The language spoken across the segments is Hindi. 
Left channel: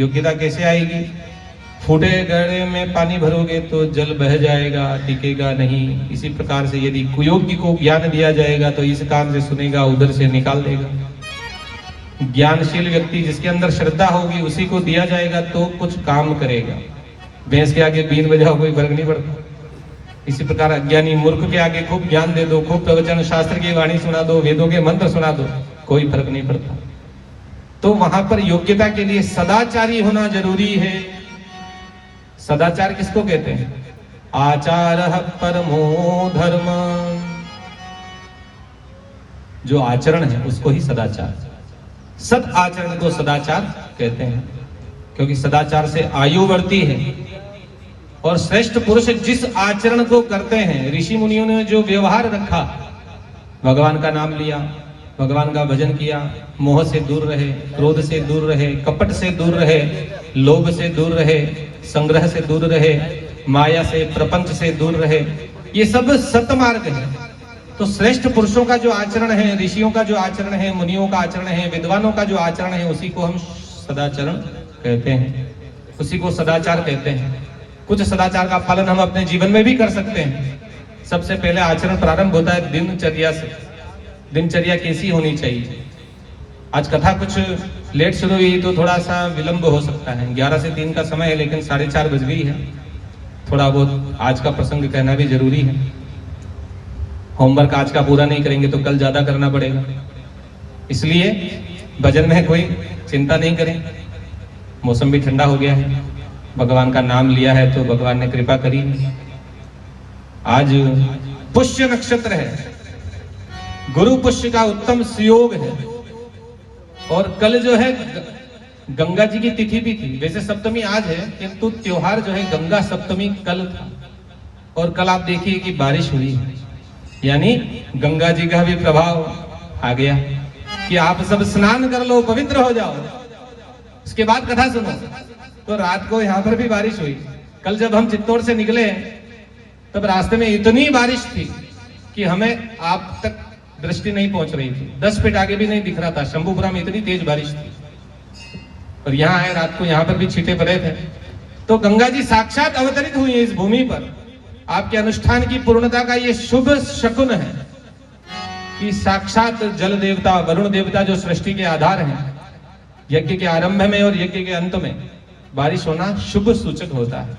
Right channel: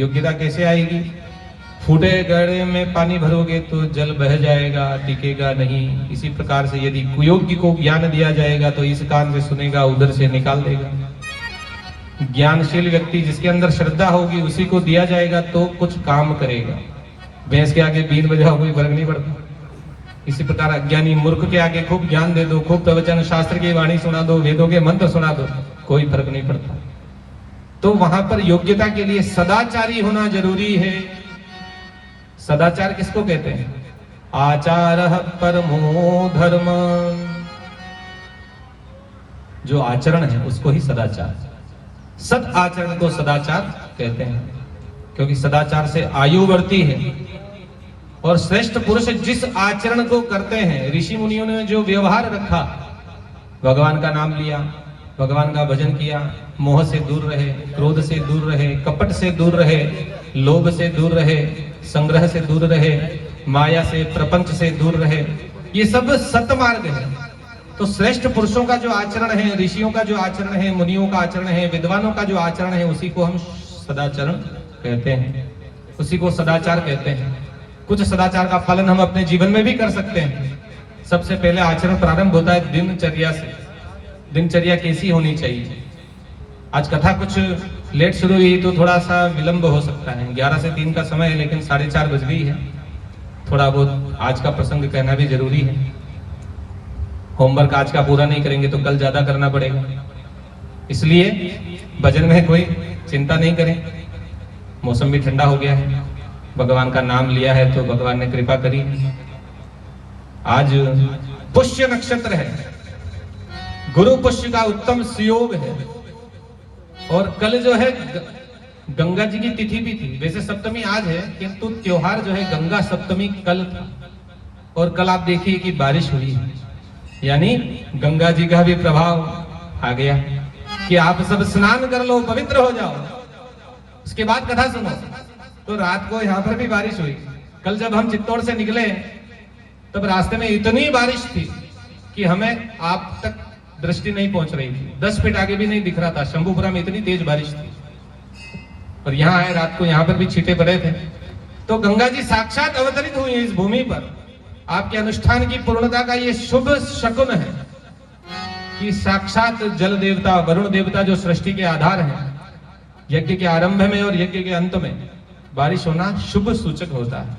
योग्यता कैसे आएगी? फूटे घड़े में पानी भरोगे तो जल बह जाएगा, टिकेगा नहीं। इसी प्रकार से यदि कुयोग्य को ज्ञान दिया जाएगा तो इस कान से सुनेगा, उधर से निकाल देगा। ज्ञानशील व्यक्ति जिसके अंदर श्रद्धा होगी उसी को दिया जाएगा तो कुछ काम करेगा। भैंस के आगे बीन बजाओ कोई फर्क नहीं पड़ता। इसी प्रकार अज्ञानी मूर्ख के आगे खूब ज्ञान दे दो, खूब प्रवचन शास्त्र की वाणी सुना दो, वेदों के मंत्र सुना दो, कोई फर्क नहीं पड़ता। तो वहां पर योग्यता के लिए सदाचारी होना जरूरी है। सदाचार किसको कहते हैं? आचारः परमो धर्म। जो आचरण है उसको ही सदाचार, सद आचरण को सदाचार कहते हैं, क्योंकि सदाचार से आयु बढ़ती है। और श्रेष्ठ पुरुष जिस आचरण को करते हैं, ऋषि मुनियों ने जो व्यवहार रखा, भगवान का नाम लिया, भगवान का भजन किया, मोह से दूर रहे, क्रोध से दूर रहे, कपट से दूर रहे, लोभ से दूर रहे, संग्रह से दूर रहे, माया से, प्रपंच से दूर रहे, ये सब सतमार्ग है। तो श्रेष्ठ पुरुषों का जो आचरण है, ऋषियों का जो आचरण है, मुनियों का आचरण है, विद्वानों का जो आचरण है, उसी को हम सदाचरण कहते हैं, उसी को सदाचार कहते हैं। कुछ सदाचार का पालन हम अपने जीवन में भी कर सकते हैं। सबसे पहले आचरण प्रारंभ होता है दिनचर्या से। दिनचर्या कैसी होनी चाहिए? आज कथा कुछ लेट शुरू हुई तो थोड़ा सा विलंब हो सकता है। 11 से 3 का समय है, लेकिन 4:30 बज गई है। थोड़ा बहुत आज का प्रसंग कहना भी जरूरी है। होमवर्क आज का पूरा नहीं करेंगे तो कल ज्यादा करना पड़ेगा, इसलिए भजन में कोई चिंता नहीं करें। मौसम भी ठंडा हो गया है, भगवान का नाम लिया है तो भगवान ने कृपा करी। आज पुष्य नक्षत्र है, गुरु पुष्य का उत्तम सुयोग है, और कल जो है गंगा जी की तिथि भी थी। वैसे सप्तमी आज है, किंतु त्योहार जो है गंगा सप्तमी कल था। और कल आप देखिए कि बारिश हुई, यानी गंगा जी का भी प्रभाव आ गया कि आप सब स्नान कर लो, पवित्र हो जाओ। उसके बाद कथा सुनो। तो रात को यहाँ पर भी बारिश हुई। कल जब हम चित्तौड़ से निकले तब रास्ते में इतनी बारिश थी कि हमें आप तक दृष्टि नहीं पहुंच रही थी। 10 फीट आगे भी नहीं दिख रहा था। शंभुपुरा में इतनी तेज बारिश थी। और यहाँ आए रात को, यहाँ पर भी छींटे पड़े थे। तो गंगा जी साक्षात अवतरित हुई इस भूमि पर। आपके अनुष्ठान की पूर्णता का ये शुभ शकुन है कि साक्षात जल देवता, वरुण देवता जो सृष्टि के आधार हैं, यज्ञ के आरंभ में और यज्ञ के अंत में बारिश होना शुभ सूचक होता है।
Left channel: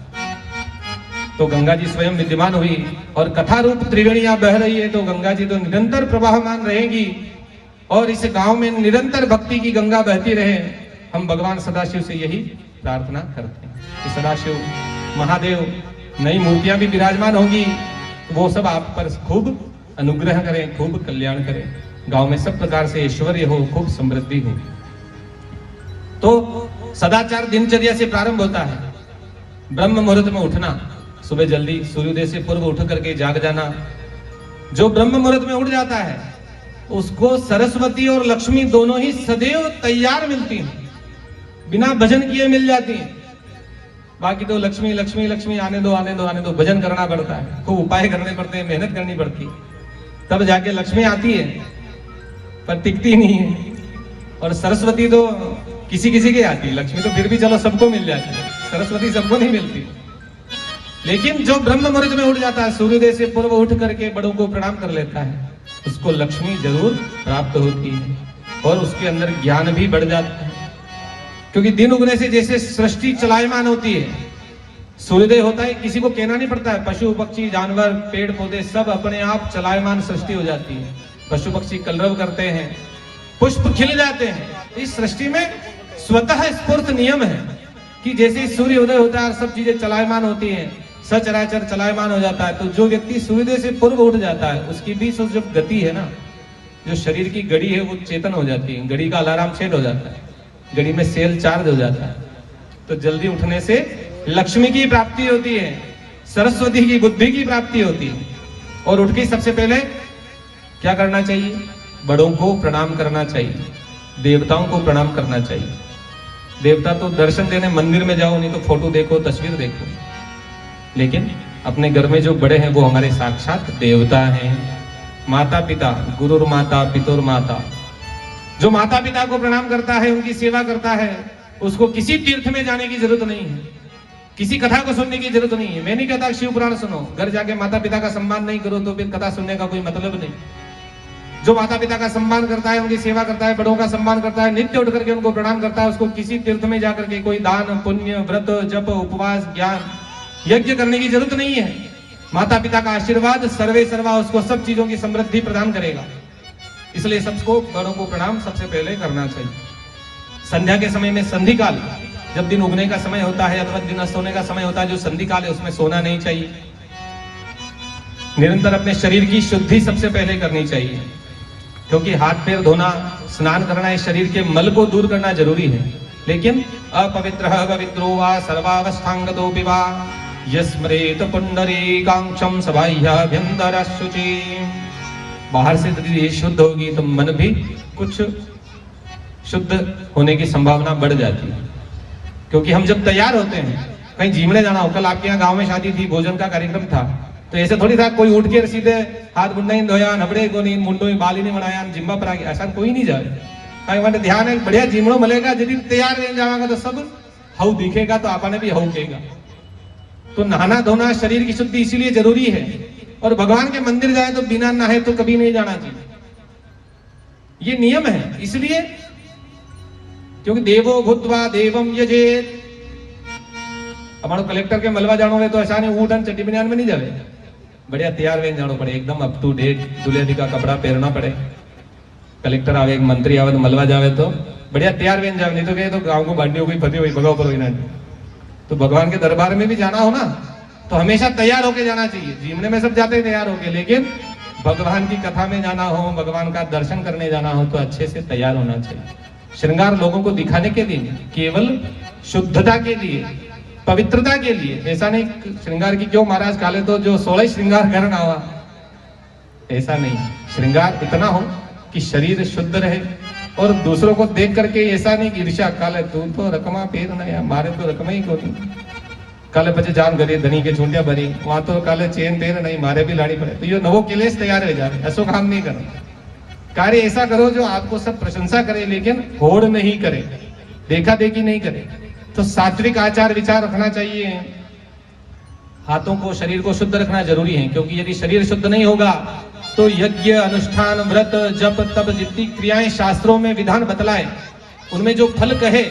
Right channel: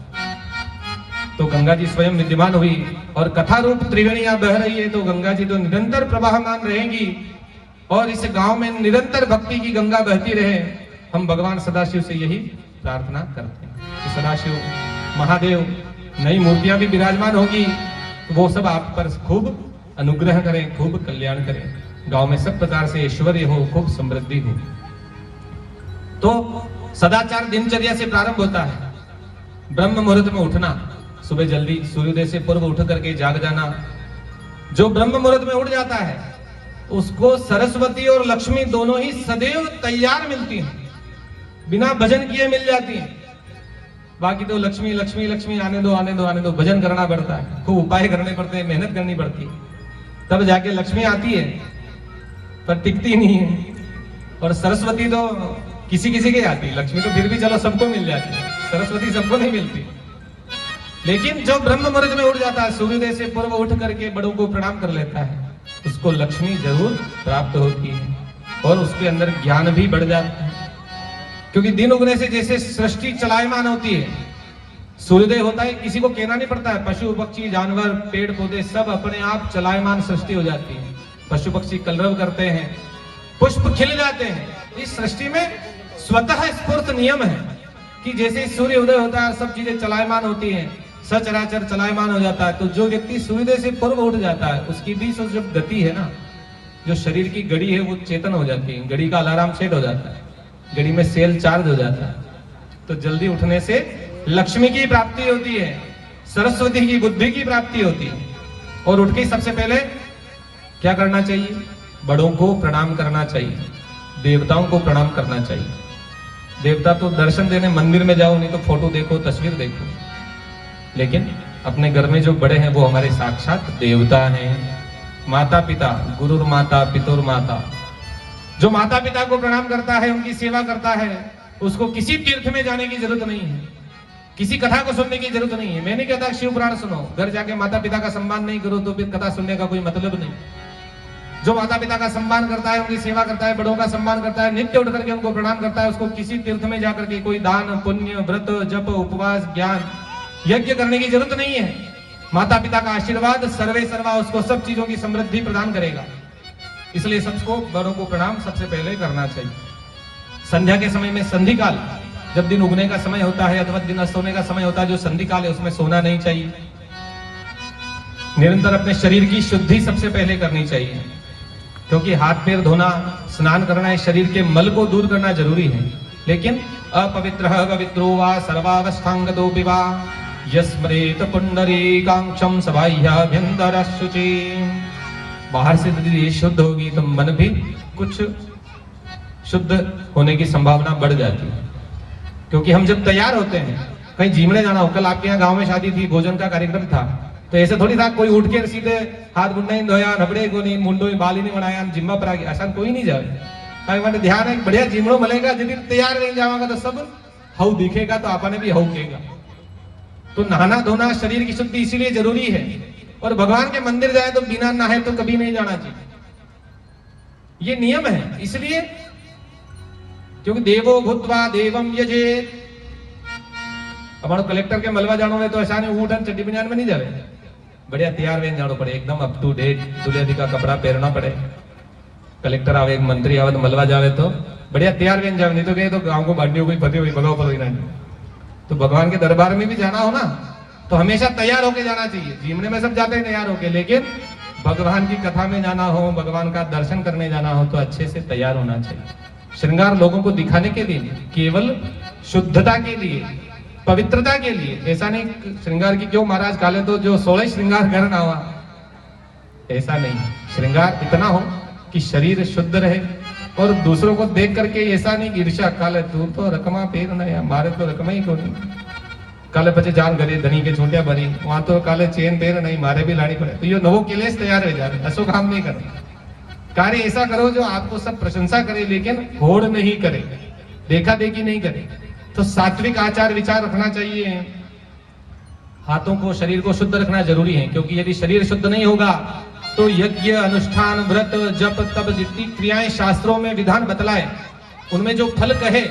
तो गंगा जी स्वयं विद्यमान हुई और कथा रूप त्रिवेणियां बह रही है। तो गंगा जी तो निरंतर प्रवाहमान रहेंगी और इस गांव में निरंतर भक्ति की गंगा बहती रहे। हम भगवान सदाशिव से यही प्रार्थना करते हैं कि सदाशिव महादेव नई मूर्तियां भी विराजमान होंगी, वो सब आप पर खूब अनुग्रह करें, खूब कल्याण करें। गांव में सब प्रकार से ऐश्वर्य हो, खूब समृद्धि हो। तो सदाचार दिनचर्या से प्रारंभ होता है। ब्रह्म मुहूर्त में उठना, सुबह जल्दी सूर्योदय से पूर्व उठ करके जाग जाना। जो ब्रह्म मुहूर्त में उठ जाता है उसको सरस्वती और लक्ष्मी दोनों ही सदैव तैयार मिलती हैं, बिना भजन किए मिल जाती हैं। बाकी तो लक्ष्मी लक्ष्मी लक्ष्मी, आने दो आने दो आने दो, भजन करना पड़ता है, खूब उपाय करने पड़ते हैं, मेहनत करनी पड़ती है, तब जाके लक्ष्मी आती है, पर टिकती नहीं है। और सरस्वती तो किसी किसी के आती है, लक्ष्मी तो फिर भी चलो सबको मिल जाती है, सरस्वती सबको नहीं मिलती। लेकिन जो ब्रह्म मुहूर्त में उठ जाता है, सूर्योदय से पूर्व उठ करके बड़ों को प्रणाम कर लेता है, उसको लक्ष्मी जरूर प्राप्त होती है और उसके अंदर ज्ञान भी बढ़ जाता है। क्योंकि दिन उगने से जैसे सृष्टि चलायमान होती है, सूर्योदय होता है, किसी को कहना नहीं पड़ता है, पशु पक्षी जानवर पेड़ पौधे सब अपने आप चलायमान सृष्टि हो जाती है। पशु पक्षी कलरव करते हैं, पुष्प खिल जाते हैं। इस सृष्टि में स्वतः स्फूर्त नियम है कि जैसे सूर्य उदय होता है और सब चीजें चलायमान होती हैं, सचराचर चलायमान हो जाता है। तो जो व्यक्ति सूर्योदय से पूर्व उठ जाता है उसकी भी जो गति है ना, जो शरीर की घड़ी है वो चेतन हो जाती है, घड़ी का अलार्म सेट हो जाता है, घड़ी में सेल चार्ज हो जाता है। तो जल्दी उठने से लक्ष्मी की प्राप्ति होती है, सरस्वती की बुद्धि की प्राप्ति होती है। और उठ के सबसे पहले क्या करना चाहिए? बड़ों को प्रणाम करना चाहिए, देवताओं को प्रणाम करना चाहिए। देवता तो दर्शन देने मंदिर में जाओ, नहीं तो फोटो देखो, तस्वीर देखो, लेकिन अपने घर में जो बड़े हैं वो हमारे साक्षात देवता हैं। माता पिता, गुरुर माता पितुर माता, जो माता पिता को प्रणाम करता है, उनकी सेवा करता है, उसको किसी तीर्थ में जाने की जरूरत नहीं है, किसी कथा को सुनने की जरूरत नहीं है। मैं नहीं कहता शिव पुराण सुनो, घर जाके माता पिता का सम्मान नहीं करो तो फिर कथा सुनने का कोई मतलब नहीं। जो माता पिता का सम्मान करता है, उनकी सेवा करता है, बड़ों का सम्मान करता है, नित्य उठ करके उनको प्रणाम करता है, उसको किसी तीर्थ में जाकर के कोई दान पुण्य व्रत जप उपवास ज्ञान यज्ञ करने की जरूरत नहीं है। माता पिता का आशीर्वाद सर्वे सर्वा उसको सब चीजों की समृद्धि प्रदान करेगा। इसलिए सबको बड़ों को प्रणाम सबसे पहले करना चाहिए। संध्या के समय में संधि काल, जब दिन उगने का समय होता है अथवा दिन अस्त होने का समय होता है, जो संधि काल है उसमें सोना नहीं चाहिए। निरंतर अपने शरीर की शुद्धि सबसे पहले करनी चाहिए, क्योंकि हाथ पैर धोना, स्नान करना है, शरीर के मल को दूर करना जरूरी है। लेकिन अपवित्रः पवित्रो वा सर्वावस्थांगतोऽपि वा यस्मरेत पुंडरीकाक्षं सबाह्याभ्यन्तरः शुचि। बाहर से यदि शुद्ध होगी तो मन भी कुछ शुद्ध होने की संभावना बढ़ जाती है। क्योंकि हम जब तैयार होते हैं, कहीं झीमने जाना हो, कल आपके यहाँ गांव में शादी थी, भोजन का कार्यक्रम था, तो ऐसे थोड़ी था कोई उठ के सीधे हाथ मुंडा ही धोया, नबड़े को नहीं, मुंडो ही बाल ही नहीं बनाया, जिम्मा पर आ गया, ऐसा कोई नहीं जावे। कहीं वाले ध्यान है, बढ़िया झीमड़ो मिलेगा, यदि तैयार नहीं जाएगा तो सब हव दिखेगा, तो आपने भी हव कहेगा। तो नहाना धोना शरीर की शुद्धि इसीलिए जरूरी है। और भगवान के मंदिर जाए तो बिना नहाए तो कभी नहीं जाना चाहिए, ये नियम है। इसलिए क्योंकि देवो भूत्वा देवम यजेत। अब कलेक्टर के मलवा जानो है तो ऐसा नहीं ऊटन चड्डी बनियान में नहीं जावे, बढ़िया तैयार वेन जानो पड़े, एकदम अप टू डेट दुल्हे का कपड़ा पहनना पड़े। कलेक्टर आवे, एक मंत्री आवे तो मलवा जावे तो बढ़िया तैयार वेन जावे, नहीं तो कहे तो गांव को बांटने कोई फते हुई भगाओ पर। तो भगवान के दरबार में भी जाना हो ना तो हमेशा तैयार होके जाना चाहिए। जीवने में सब जाते हैं तैयार होके, लेकिन भगवान की कथा में जाना हो, भगवान का दर्शन करने जाना हो तो अच्छे से तैयार होना चाहिए। श्रृंगार लोगों को दिखाने के लिए, केवल शुद्धता के लिए, पवित्रता के लिए। ऐसा नहीं श्रृंगार की क्यों महाराज काले तो जो 16 श्रृंगार करना हुआ, ऐसा नहीं। श्रृंगार इतना हो कि शरीर शुद्ध रहे और दूसरों को देख करके ऐसा नहीं ईर्ष्या, काले तू तो रकमा पेर ना या मारे तो रकम ही क्यों नहीं, काले बच्चे जान करे धनी के छोटिया बनी, वहां तो काले चेन पेर नहीं, मारे भी लानी पड़े। तो ये नवो किलेस तैयार हो जाए, ऐसा काम नहीं करना। कार्य ऐसा करो जो आपको सब प्रशंसा करे, लेकिन होड़ नहीं करे, देखा देखी नहीं करे। तो सात्विक आचार विचार रखना चाहिए। हाथों को, शरीर को शुद्ध रखना जरूरी है, क्योंकि यदि शरीर शुद्ध नहीं होगा तो यज्ञ अनुष्ठान व्रत जप तप जितनी क्रियाएं शास्त्रों में विधान बतलाए, उनमें जो फल कहे,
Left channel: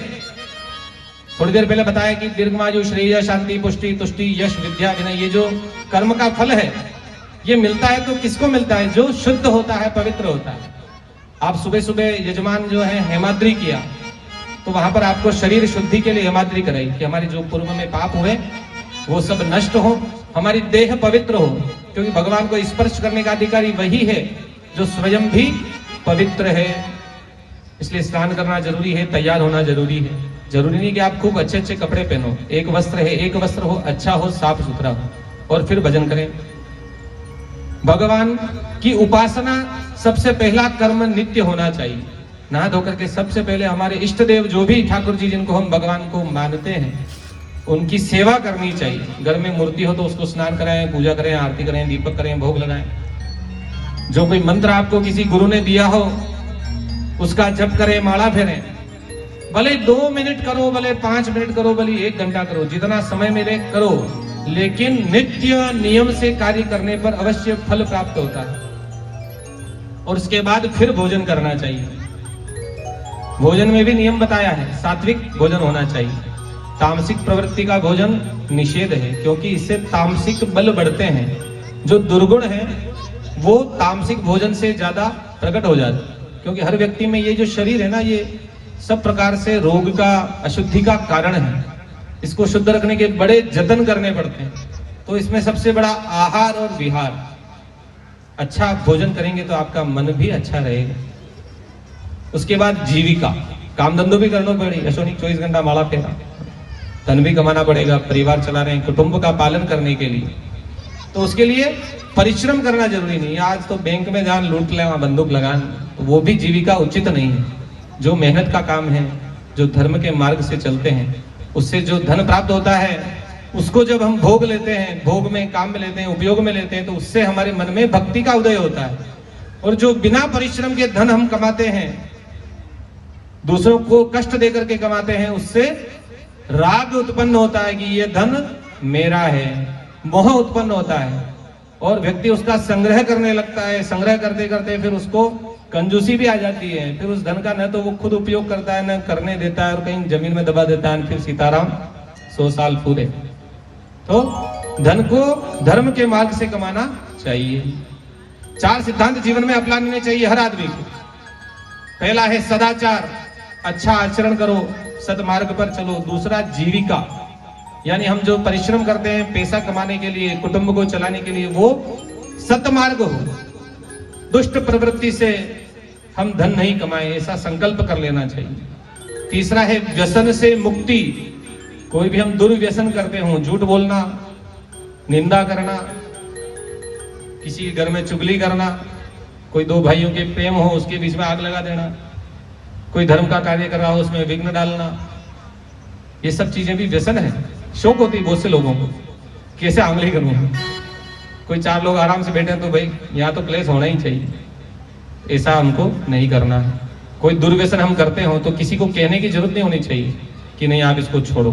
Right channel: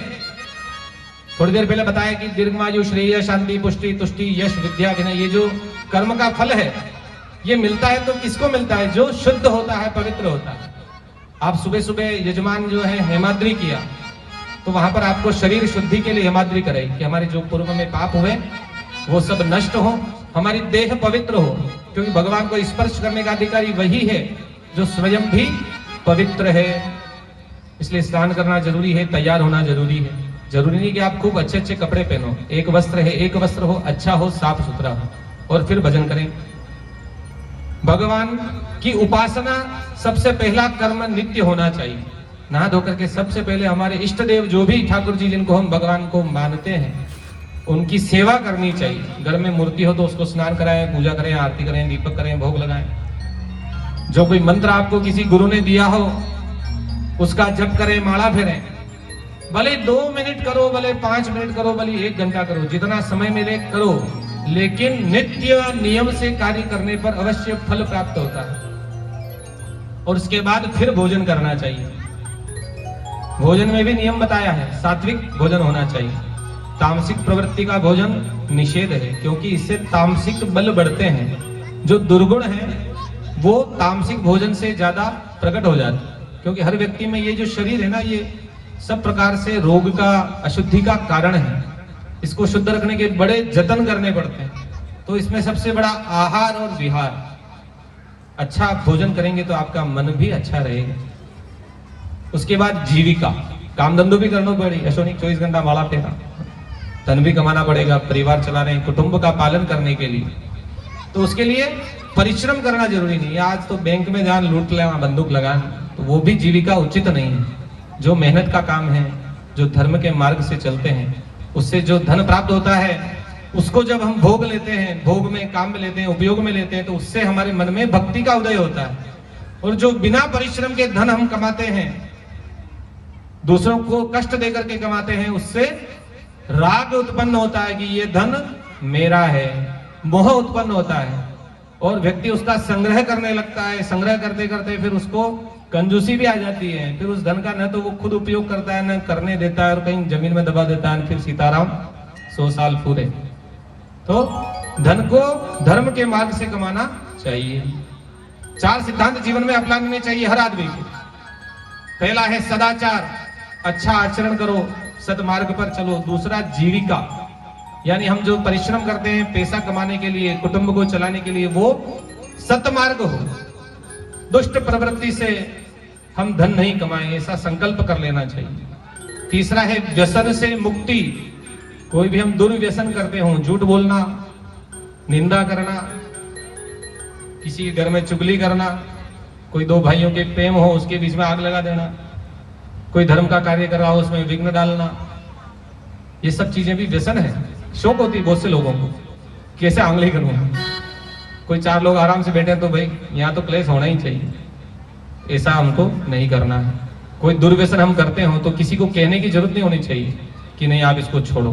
थोड़ी देर पहले बताया कि दीर्घायु श्रेय शांति पुष्टि तुष्टि यश विद्या विनय, ये जो कर्म का फल है ये मिलता है तो किसको मिलता है? जो शुद्ध होता है, पवित्र होता है। आप सुबह सुबह यजमान जो है हेमाद्री किया तो वहां पर आपको शरीर शुद्धि के लिए हेमाद्री कराई कि हमारे जो पूर्व में पाप हुए वो सब नष्ट हो, हमारी देह पवित्र हो। क्योंकि भगवान को स्पर्श करने का अधिकारी वही है जो स्वयं भी पवित्र है। इसलिए स्नान करना जरूरी है, तैयार होना जरूरी है। जरूरी नहीं कि आप खूब अच्छे अच्छे कपड़े पहनो, एक वस्त्र है, एक वस्त्र हो, अच्छा हो, साफ सुथरा हो, और फिर भजन करें। भगवान की उपासना सबसे पहला कर्म नित्य होना चाहिए। नहा धोकर के सबसे पहले हमारे इष्ट देव जो भी ठाकुर जी जिनको हम भगवान को मानते हैं उनकी सेवा करनी चाहिए। घर में मूर्ति हो तो उसको स्नान कराएं, पूजा करें, आरती करें, दीपक करें, भोग लगाएं। जो कोई मंत्र आपको किसी गुरु ने दिया हो उसका जप करें, माला फेरें। भले 2 मिनट करो, भले 5 मिनट करो, भले 1 घंटा करो, जितना समय मिले करो, लेकिन नित्य नियम से कार्य करने पर अवश्य फल प्राप्त होता है। और उसके बाद फिर भोजन करना चाहिए। भोजन में भी नियम बताया है, सात्विक भोजन होना चाहिए। तामसिक प्रवृत्ति का भोजन निषेध है, क्योंकि इससे तामसिक बल बढ़ते हैं। जो दुर्गुण है वो तामसिक भोजन से ज्यादा प्रकट हो जाते हैं। क्योंकि हर व्यक्ति में ये जो शरीर है ना, ये सब प्रकार से रोग का, अशुद्धि का कारण है। इसको शुद्ध रखने के बड़े जतन करने पड़ते हैं। तो इसमें सबसे बड़ा आहार और विहार। अच्छा भोजन करेंगे तो आपका मन भी अच्छा रहेगा। उसके बाद जीविका, काम धंधो भी करना पड़ेगा। ऐसा नहीं 24 घंटा माला फेरा, धन भी कमाना पड़ेगा, परिवार चला रहे हैं, कुटुंब का पालन करने के लिए। तो उसके लिए परिश्रम करना जरूरी नहीं है। आज तो बैंक में जान लूट ले, वहां बंदूक लगान, तो वो भी जीविका उचित नहीं है। जो मेहनत का काम है, जो धर्म के मार्ग से चलते हैं, उससे जो धन प्राप्त होता है उसको जब हम भोग लेते हैं, भोग में, काम में लेते हैं, उपयोग में लेते हैं, तो उससे हमारे मन में भक्ति का उदय होता है। और जो बिना परिश्रम के धन हम कमाते हैं दूसरों को कष्ट देकर के कमाते हैं, उससे राग उत्पन्न होता है कि ये धन मेरा है, मोह उत्पन्न होता है और व्यक्ति उसका संग्रह करने लगता है। संग्रह करते करते फिर उसको कंजूसी भी आ जाती है, फिर उस धन का न तो वो खुद उपयोग करता है, न करने देता है और कहीं जमीन में दबा देता है, फिर सीताराम 100 साल पूरे। तो धन को धर्म के मार्ग से कमाना चाहिए। 4 सिद्धांत जीवन में अपनाने चाहिए हर आदमी को। पहला है सदाचार, अच्छा आचरण करो, सदमार्ग पर चलो। दूसरा जीविका, यानी हम जो परिश्रम करते हैं पैसा कमाने के लिए, कुटुंब को चलाने के लिए, वो सतमार्ग हो। दुष्ट प्रवृत्ति से हम धन नहीं कमाएं, ऐसा संकल्प कर लेना चाहिए। तीसरा है व्यसन से मुक्ति। कोई भी हम दुर्व्यसन करते हो, झूठ बोलना, निंदा करना, किसी के घर में चुगली करना, कोई 2 भाइयों के प्रेम हो उसके बीच में आग लगा देना, कोई धर्म का कार्य कर रहा हो उसमें विघ्न डालना, ये सब चीजें भी व्यसन है। शौक होती है बहुत से लोगों को, कैसे आंगली करूं। कोई 4 लोग आराम से बैठे तो भाई यहाँ तो क्लेश होना ही चाहिए, ऐसा हमको नहीं करना है। कोई दुर्व्यसन हम करते हो तो किसी को कहने की जरूरत नहीं होनी चाहिए कि नहीं आप इसको छोड़ो।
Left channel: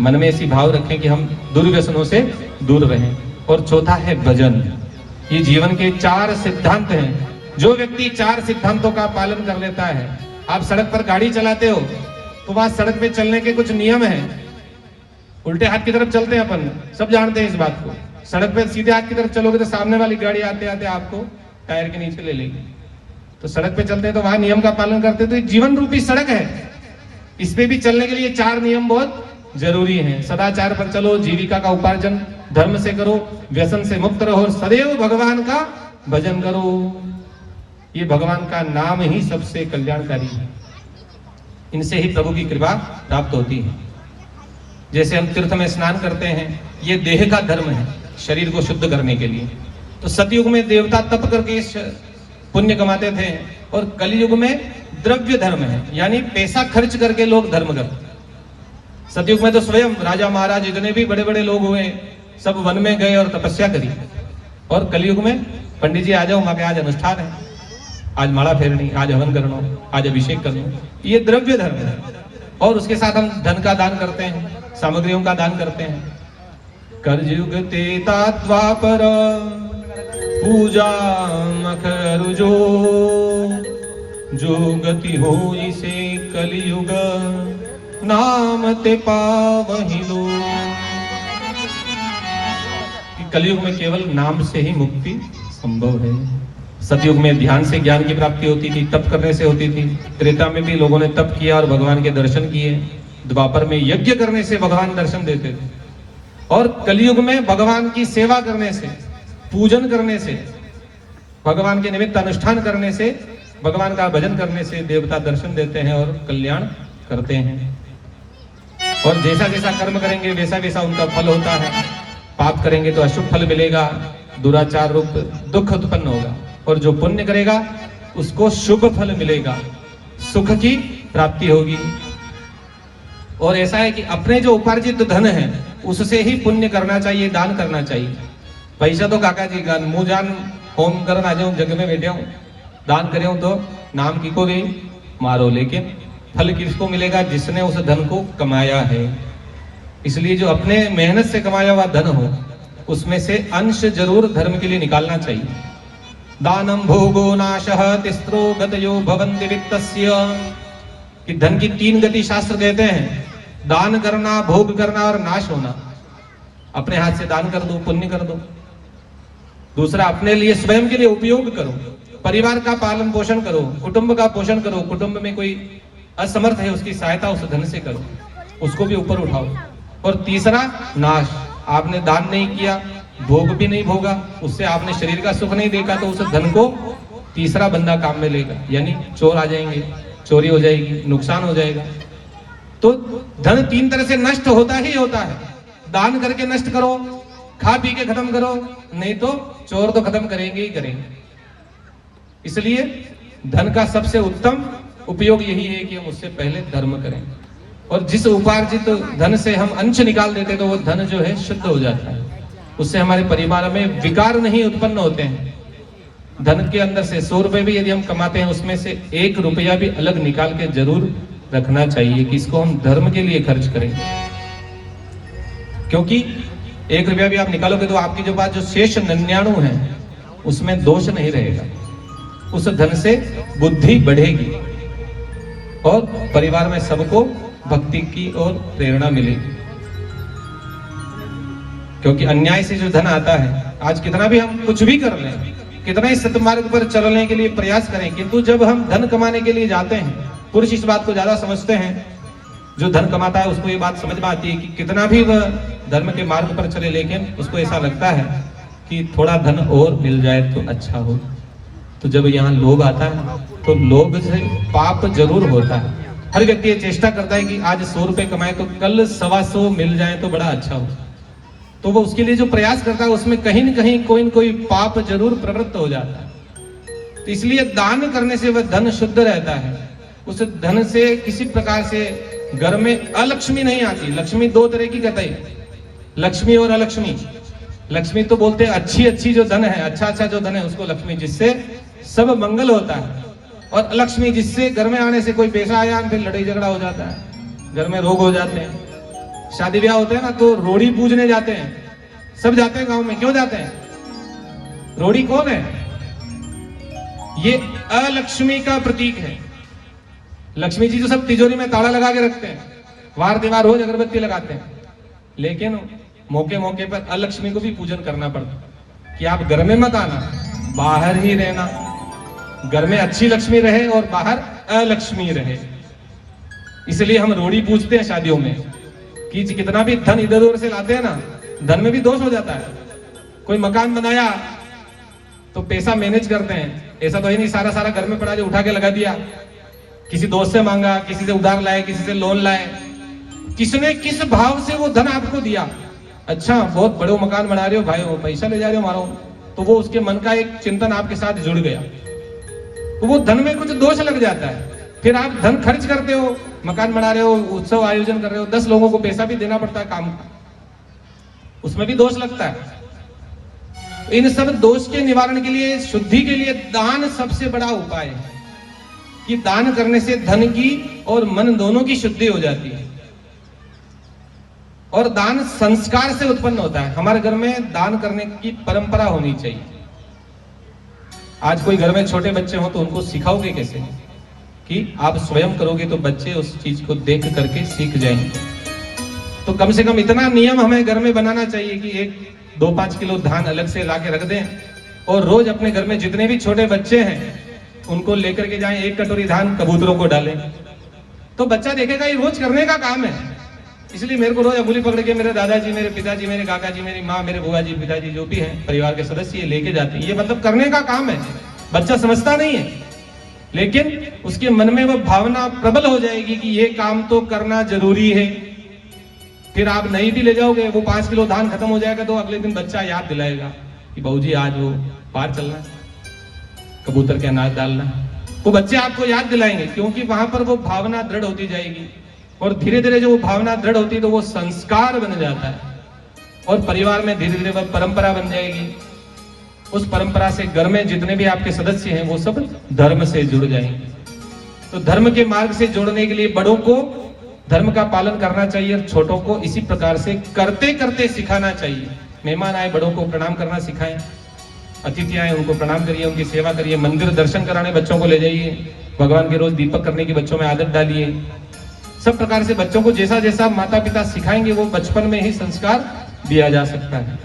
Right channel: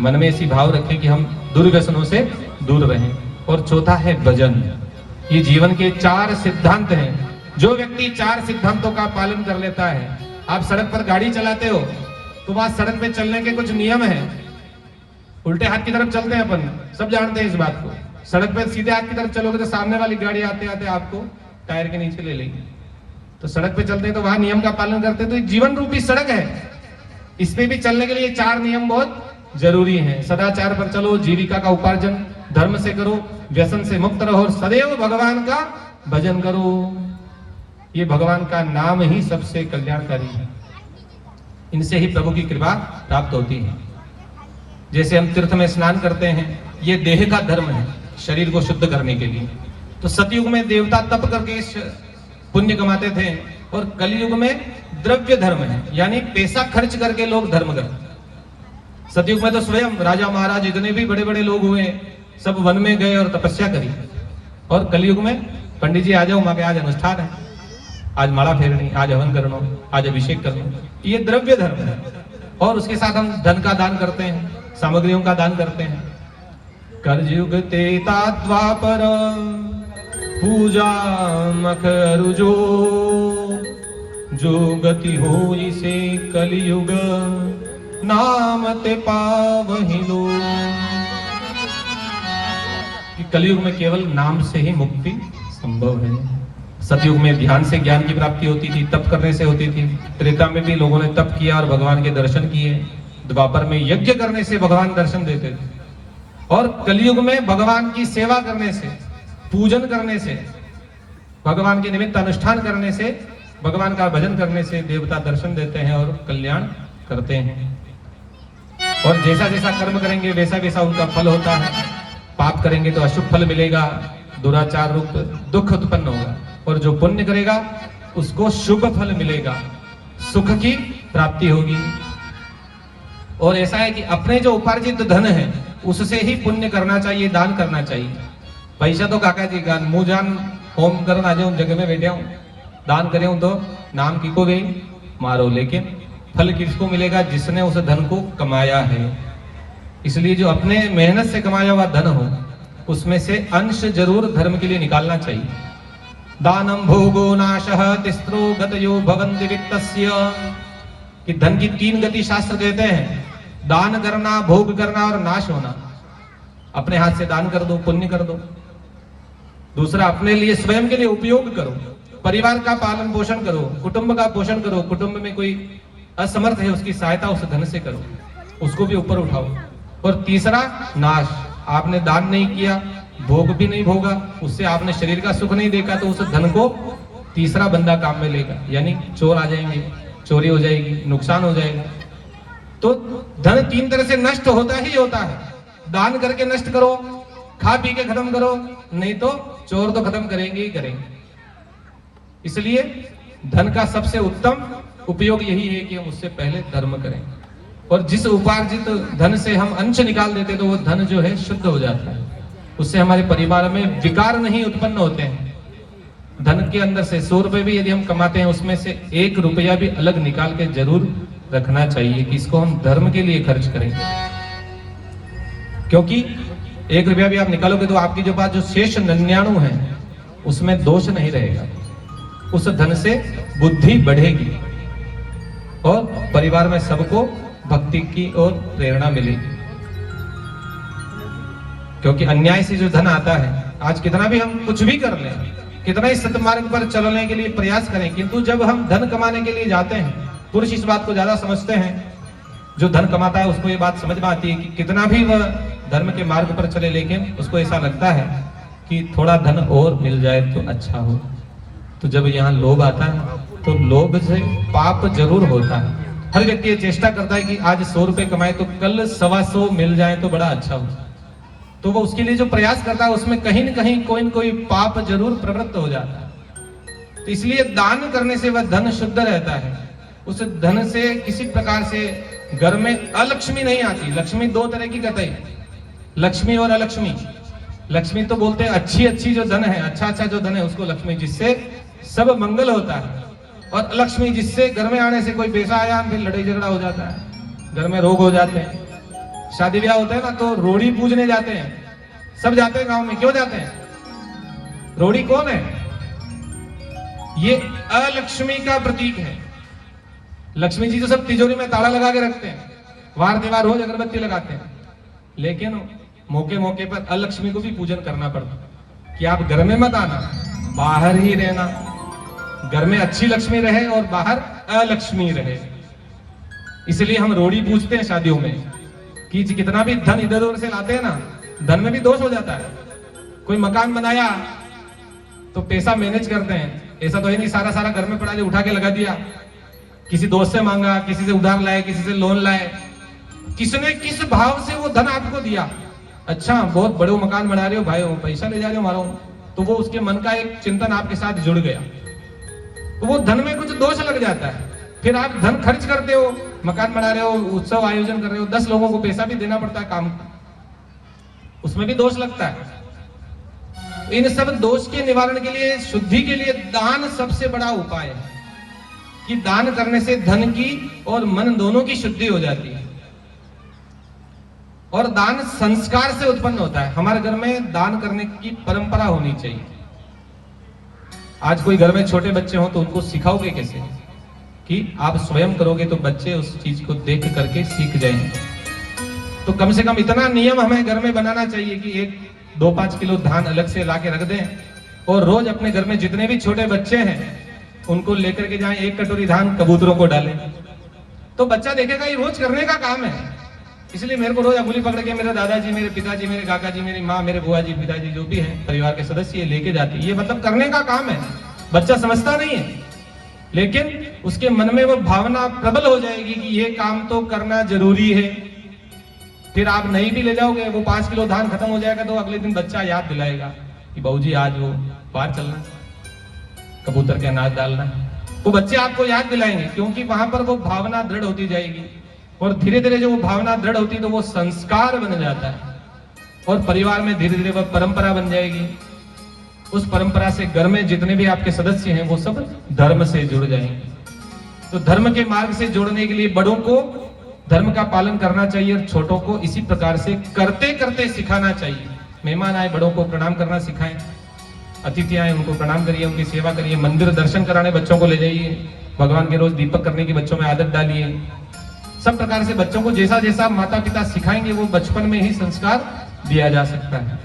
मन में ऐसी भाव रखें कि हम दुर्व्यसनों से दूर रहें। और चौथा है भजन। ये जीवन के 4 सिद्धांत हैं। जो व्यक्ति 4 सिद्धांतों का पालन कर लेता है, आप सड़क पर गाड़ी चलाते हो तो वहां सड़क पे चलने के कुछ नियम हैं। उल्टे हाथ की तरफ चलते हैं अपन, सब जानते हैं इस बात को। सड़क पे सीधे हाथ की तरफ चलोगे तो सामने वाली गाड़ी आते आते आपको टायर के नीचे ले लेगी। तो सड़क पे चलते हैं तो वहां नियम का पालन करते हैं। तो जीवन रूपी सड़क है, इस पे भी चलने के लिए 4 नियम बहुत जरूरी हैं। सदाचार पर चलो, जीविका का उपार्जन धर्म से करो, व्यसन से मुक्त रहो, सदैव भगवान का भजन करो। ये भगवान का नाम ही सबसे कल्याणकारी है, इनसे ही प्रभु की कृपा प्राप्त होती है। जैसे हम तीर्थ में स्नान करते हैं, ये देह का धर्म है, शरीर को शुद्ध करने के लिए। तो सतयुग में देवता तप करके पुण्य कमाते थे, और कलयुग में द्रव्य धर्म है, यानी पैसा खर्च करके लोग धर्म करते। सतयुग में तो स्वयं राजा महाराज जितने भी बड़े बड़े लोग हुए सब वन में गए और तपस्या करी। और कलयुग में पंडित जी आ जाओ, वहां पे आज अनुष्ठान है, आज माला फेरनी, आज हवन करना, आज अभिषेक करना, ये द्रव्य धर्म है। और उसके साथ हम धन का दान करते हैं, सामग्रियों का दान करते हैं। करयुग तेता द्वापर पूजा मखरुजो, जो गति हो इसे कलयुग नाम ते पावहि लो। कलयुग में केवल नाम से ही मुक्ति संभव है। सतयुग में ध्यान से ज्ञान की प्राप्ति होती थी, तप करने से होती थी। त्रेता में भी लोगों ने तप किया और भगवान के दर्शन किए। द्वापर में यज्ञ करने से भगवान दर्शन देते थे। और कलयुग में भगवान की सेवा करने से, पूजन करने से, भगवान के निमित्त अनुष्ठान करने से, भगवान का भजन करने से देवता दर्शन देते हैं और कल्याण करते हैं। और जैसा जैसा कर्म करेंगे वैसा वैसा उनका फल होता है। पाप करेंगे तो अशुभ फल मिलेगा, दुराचार रूप दुख उत्पन्न होगा। और जो पुण्य करेगा उसको शुभ फल मिलेगा, सुख की प्राप्ति होगी। और ऐसा है कि अपने जो उपार्जित धन है उससे ही पुण्य करना चाहिए, दान करना चाहिए। पैसा तो काका जी का मुंह जान होम कर आ जाऊं, जगह पे बैठे हूं, दान करे तो नाम की को गई मारो, लेकिन फल किसको मिलेगा? जिसने उस धन को कमाया है। इसलिए जो अपने मेहनत से कमाया हुआ धन हो उसमें से अंश जरूर धर्म के लिए निकालना चाहिए। दानम भोगो नाशः तिस्रो गतयो भवन्ति वित्तस्य, कि धन की 3 गति शास्त्र कहते हैं, दान करना, भोग करना और नाश होना। अपने हाथ से दान कर दो, पुण्य कर दो। दूसरा, अपने लिए स्वयं के लिए उपयोग करो, परिवार का पालन पोषण करो, कुटुंब का पोषण करो। कुटुंब में कोई असमर्थ है उसकी सहायता उस धन से करो, उसको भी ऊपर उठाओ। और तीसरा, नाश। आपने दान नहीं किया, भोग भी नहीं भोगा, उससे आपने शरीर का सुख नहीं देखा, तो उस धन को तीसरा बंदा काम में लेगा, यानी चोर आ जाएंगे, चोरी हो जाएगी, नुकसान हो जाएगा। तो धन 3 तरह से नष्ट होता ही होता है। दान करके नष्ट करो, खा पी के खत्म करो, नहीं तो चोर तो खत्म करेंगे ही करेंगे। इसलिए धन का सबसे उत्तम उपयोग यही है कि हम उससे पहले धर्म करें। और जिस उपार्जित धन से हम अंश निकाल देते तो वो धन जो है शुद्ध हो जाता है, उससे हमारे परिवार में विकार नहीं उत्पन्न होते हैं। धन के अंदर से 100 रुपए भी यदि हम कमाते हैं, उसमें से 1 रुपया भी अलग निकाल के जरूर रखना चाहिए कि इसको हम धर्म के लिए खर्च करें। क्योंकि 1 रुपया भी आप निकालोगे तो आपकी जो बात जो शेष 99 है उसमें दोष नहीं रहेगा। उस धन से बुद्धि बढ़ेगी और परिवार में सबको भक्ति की ओर प्रेरणा मिलेगी। क्योंकि अन्याय से जो धन आता है, आज कितना भी हम कुछ भी कर लें, कितना ही सतमार्ग पर चलने के लिए प्रयास करें, किंतु जब हम धन कमाने के लिए जाते हैं, पुरुष इस बात को ज्यादा समझते हैं, जो धन कमाता है उसको ये बात समझ में आती है कि कितना भी वह धर्म के मार्ग पर चले, लेकिन उसको ऐसा लगता है कि थोड़ा धन और मिल जाए तो अच्छा हो। तो जब यहाँ लोभ आता है तो लोभ से पाप जरूर होता है। हर व्यक्ति ये चेष्टा करता है कि आज 100 रुपए कमाए तो कल 125 मिल जाए तो बड़ा अच्छा हो। तो वो उसके लिए जो प्रयास करता है उसमें कहीं न कहीं कोई न कोई पाप जरूर प्रवृत्त हो जाता है। तो इसलिए दान करने से वह धन शुद्ध रहता है। उस धन से किसी प्रकार से घर में अलक्ष्मी नहीं आती। लक्ष्मी 2 तरह की कहते हैं, लक्ष्मी और अलक्ष्मी। लक्ष्मी तो बोलते हैं अच्छी जो धन है, अच्छा जो धन है उसको लक्ष्मी, जिससे सब मंगल होता है। और अलक्ष्मी जिससे घर में आने से कोई पैसा आया फिर लड़ाई झगड़ा हो जाता है, घर में रोग हो जाते हैं। शादी ब्याह होते हैं ना तो रोड़ी पूजने जाते हैं, सब जाते हैं गांव में। क्यों जाते हैं? रोड़ी कौन है? ये अलक्ष्मी का प्रतीक है। लक्ष्मी जी तो सब तिजोरी में ताला लगा के रखते हैं, वार दीवार रोज अगरबत्ती लगाते हैं, लेकिन मौके मौके पर अलक्ष्मी को भी पूजन करना पड़ता है कि आप घर में मत आना, बाहर ही रहना। घर में अच्छी लक्ष्मी रहे और बाहर अलक्ष्मी रहे। इसलिए हम रोड़ी पूजते हैं शादियों में कि कितना भी धन इधर उधर से लाते हैं ना, धन में भी दोष हो जाता है। कोई मकान बनाया तो पैसा मैनेज करते हैं, ऐसा तो ही नहीं सारा घर में पड़ा है उठा के लगा दिया। किसी दोस्त से मांगा, किसी से उधार लाए, किसी से लोन लाए, किसने किस भाव से वो धन आपको दिया। अच्छा बहुत बड़े मकान बना रहे हो भाई, पैसा ले जा रहे हो मारो, तो वो उसके मन का एक चिंतन आपके साथ जुड़ गया, तो वो धन में कुछ दोष लग जाता है। फिर आप धन खर्च करते हो, मकान बना रहे हो, उत्सव आयोजन कर रहे हो, 10 लोगों को पैसा भी देना पड़ता है काम का, उसमें भी दोष लगता है। इन सब दोष के निवारण के लिए, शुद्धि के लिए दान सबसे बड़ा उपाय है कि दान करने से धन की और मन दोनों की शुद्धि हो जाती है। और दान संस्कार से उत्पन्न होता है। हमारे घर में दान करने की परंपरा होनी चाहिए। आज कोई घर में छोटे बच्चे हो तो उनको सिखाओगे कैसे कि आप स्वयं करोगे तो बच्चे उस चीज को देख करके सीख जाएंगे। तो कम से कम इतना नियम हमें घर में बनाना चाहिए कि 1-2-5 किलो धान अलग से ला के रख दें और रोज अपने घर में जितने भी छोटे बच्चे हैं उनको लेकर के जाएं, 1 कटोरी धान कबूतरों को डालें, तो बच्चा देखेगा ये रोज करने का काम है। इसलिए मेरे को रोज अंगुली पकड़ के मेरे दादाजी, मेरे पिताजी, मेरे काका जी, मेरी माँ, मेरे बुआ जी, पिताजी जो भी हैं परिवार के सदस्य, ये लेके जाते हैं। ये मतलब करने का काम है। बच्चा समझता नहीं है, लेकिन उसके मन में वो भावना प्रबल हो जाएगी कि ये काम तो करना जरूरी है। फिर आप नहीं भी ले जाओगे, वो 5 किलो धान खत्म हो जाएगा तो अगले दिन बच्चा याद दिलाएगा कि बाबूजी आज वो पार चलना है, कबूतर के अनाज डालना है। वो बच्चे आपको याद दिलाएंगे क्योंकि वहां पर वो भावना दृढ़ होती जाएगी और धीरे धीरे जो वो भावना दृढ़ होती है तो वो संस्कार बन जाता है और परिवार में धीरे धीरे वह परंपरा बन जाएगी। उस परंपरा से घर में जितने भी आपके सदस्य हैं वो सब धर्म से जुड़ जाएंगे। तो धर्म के मार्ग से जोड़ने के लिए बड़ों को धर्म का पालन करना चाहिए और छोटों को इसी प्रकार से करते करते सिखाना चाहिए। मेहमान आए, बड़ों को प्रणाम करना सिखाएं, अतिथि आए उनको प्रणाम करिए, उनकी सेवा करिए, मंदिर दर्शन कराने बच्चों को ले जाइए, भगवान के रोज दीपक करने की बच्चों में आदत डालिए। सब प्रकार से बच्चों को जैसा जैसा माता पिता सिखाएंगे वो बचपन में ही संस्कार दिया जा सकता है।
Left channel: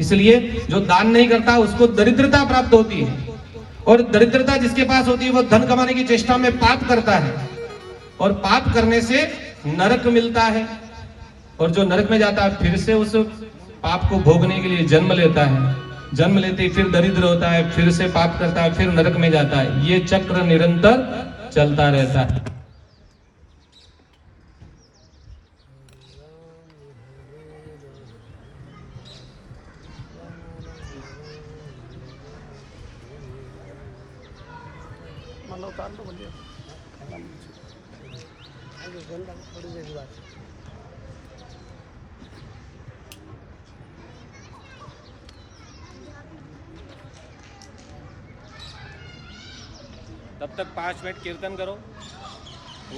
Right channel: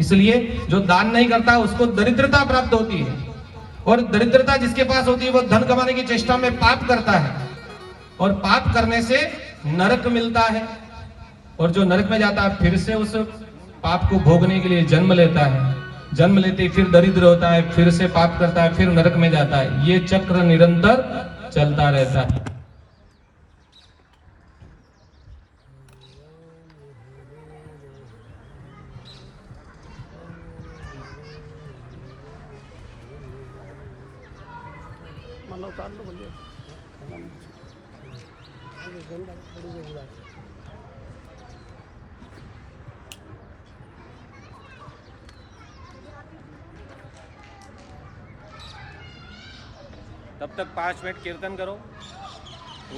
इसलिए जो दान नहीं करता उसको दरिद्रता प्राप्त होती है और दरिद्रता जिसके पास होती है वो धन कमाने की चेष्टा में पाप करता है और पाप करने से नरक मिलता है और जो नरक में जाता है फिर से उस पाप को भोगने के लिए जन्म लेता है। जन्म लेते ही फिर दरिद्र होता है, फिर से पाप करता है, फिर नरक में जाता है। ये चक्र निरंतर चलता रहता है। तब तक 5 मिनट कीर्तन करो।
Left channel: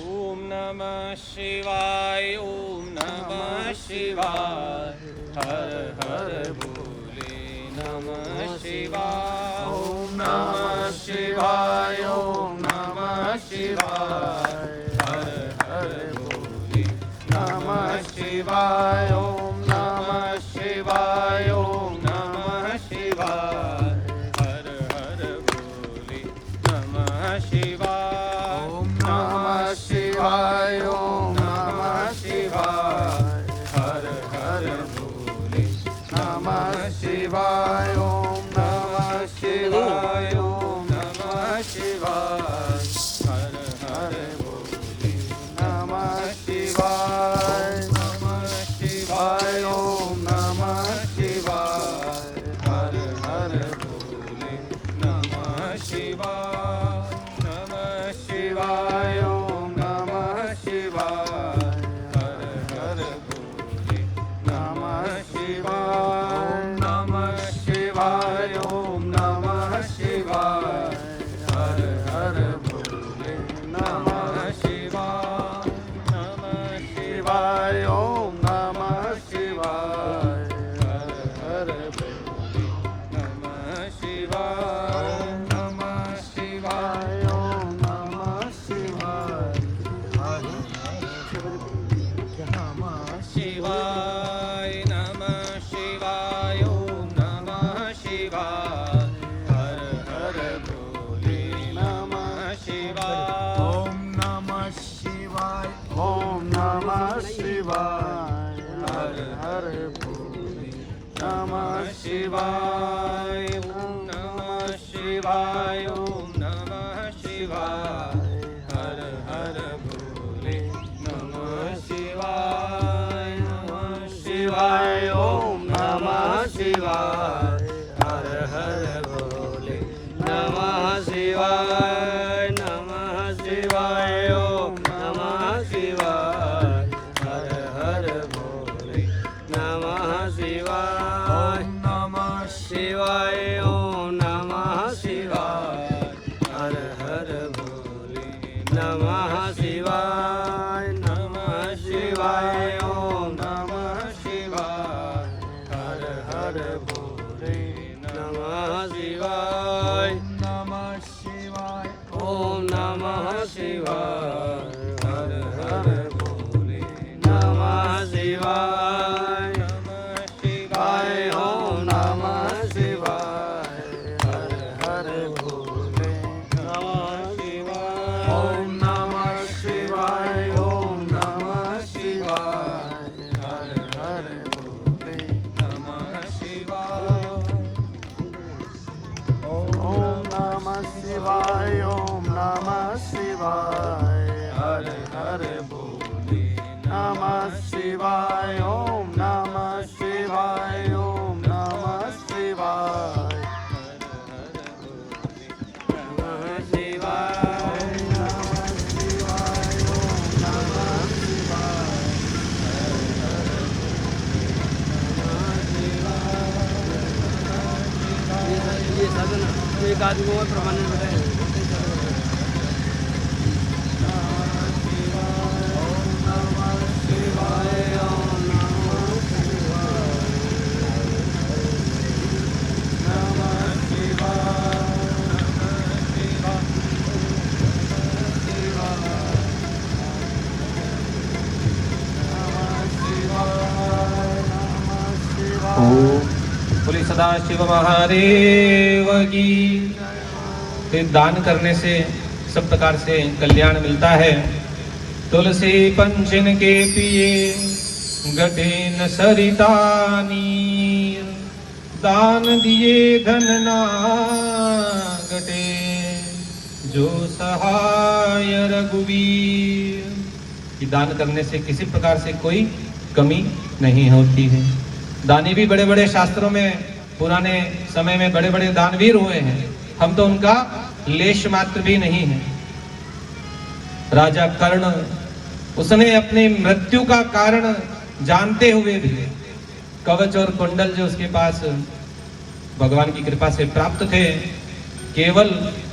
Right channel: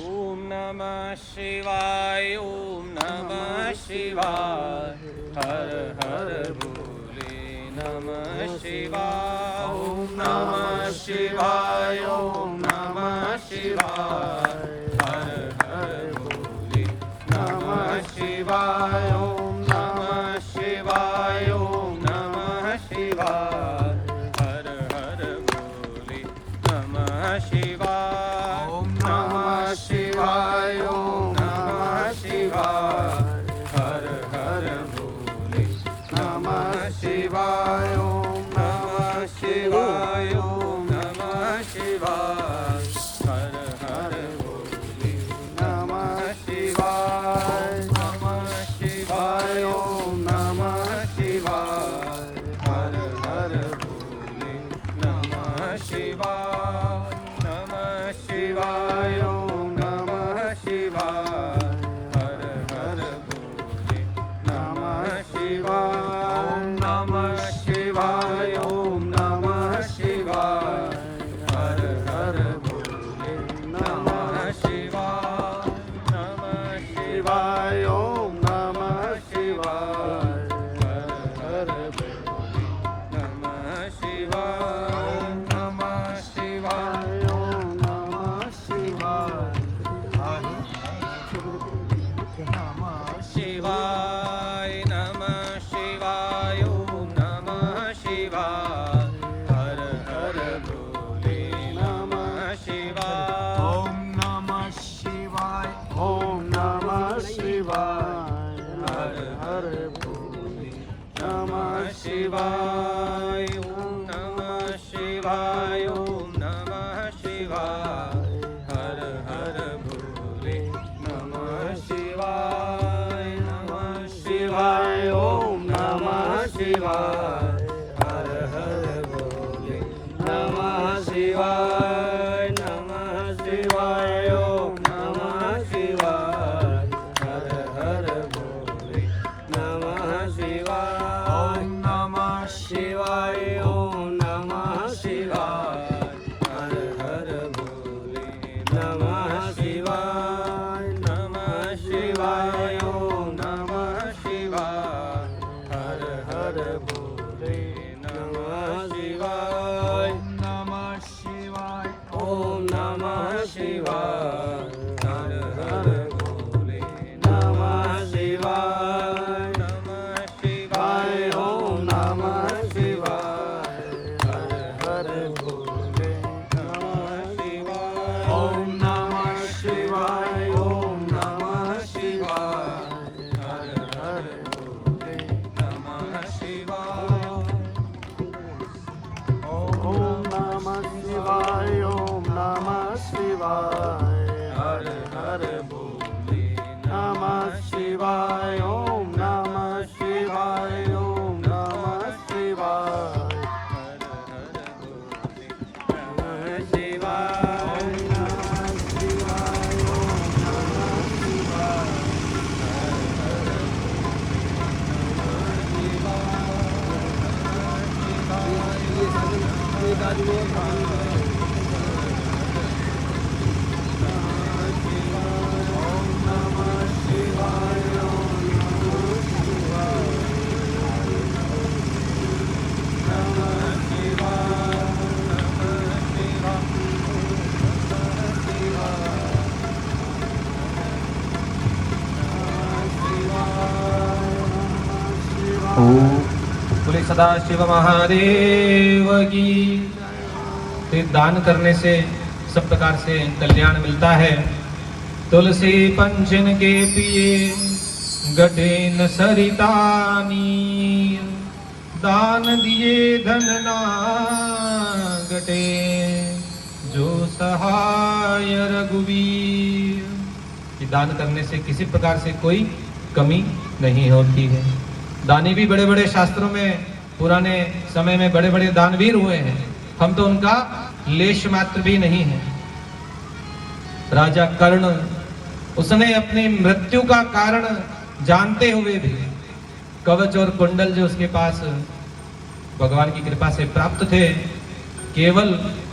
ओम नमः शिवाय, ओम नमः शिवाय, हर हर भोले नमः शिवाय, ओम नमः शिवाय, ओम नमः शिवाय, हर हर भोले नमः शिवाय, ओम नमः शिवाय, ओम नमः शिवाय, हर हर भोले नमः शिवाय, ओम नमः शिवाय, ओम नमः शिवाय, हर हर भोले नमः शिवाय, ओम नमः शिवाय, ओम नमः शिवाय, हर हर भोले नमः शिवाय, नमः शिवाय, ओम नमः शिवाय, हर हर भोले नमः शिवाय, नमः शिवाय, ओम नमः शिवाय, हर हर भोले नमः शिवाय, नमः शिवाय, ओम नमः शिवाय, हर हर भोले नमः शिवाय, नमः शिवाय, ओम नमः शिवाय, हर हर भोले नमः शिवाय, नमः शिवाय, ओम नमः शिवाय, शिवाय नमः शिवाय, ओम नमः शिवाय, हर हर भोले नमः शिवाय, ओम नमः शिवाय, ओम नमः शिवाय, हर हर भोले नमः शिवाय, ओम नमः शिवाय, ओम नमः शिवाय, हर हर भोले नमः शिवाय, नमः शिवाय, ओम नमः शिवाय, हर हर भोले नमः शिवाय, नमः शिवाय, ओम नमः शिवाय, हर हर भोले नमः शिवाय, नमः शिवाय, ओम नमः शिवाय, हर हर भोले नमः शिवाय, नमः शिवाय, ओम नमः शिवाय, हर हर भोले नमः शिवाय, नमः शिवाय, ओम नमः शिवाय, हर हर भोले नमः शिवाय, नमः शिवाय, ओम नमः शिवाय, हर हर भोले नमः शिवाय, ओम नमः शिवाय, ओम नमः शिवाय, हर हर भोले नमः शिवाय, ओम नमः शिवाय, ओम नमः शिवाय, हर हर भोले नमः शिवाय, ओम नमः शिवाय, ओम नमः शिवाय, हर हर भोले नमः शिवाय, बोले सदाशिव महादेव की। तो दान करने से सब प्रकार से कल्याण मिलता है। तुलसी पंचन के पिए गढ़े न सरिता नीर, दान दिए धन ना गटे जो सहाय रघुवीर। कि दान करने से किसी प्रकार से कोई कमी नहीं होती है। दानी भी बड़े बड़े शास्त्रों में पुराने समय में बड़े बड़े दानवीर हुए हैं, हम तो उनका लेश मात्र भी नहीं है। राजा कर्ण, उसने अपनी मृत्यु का कारण जानते हुए भी कवच और कुंडल जो उसके पास भगवान की कृपा से प्राप्त थे, केवल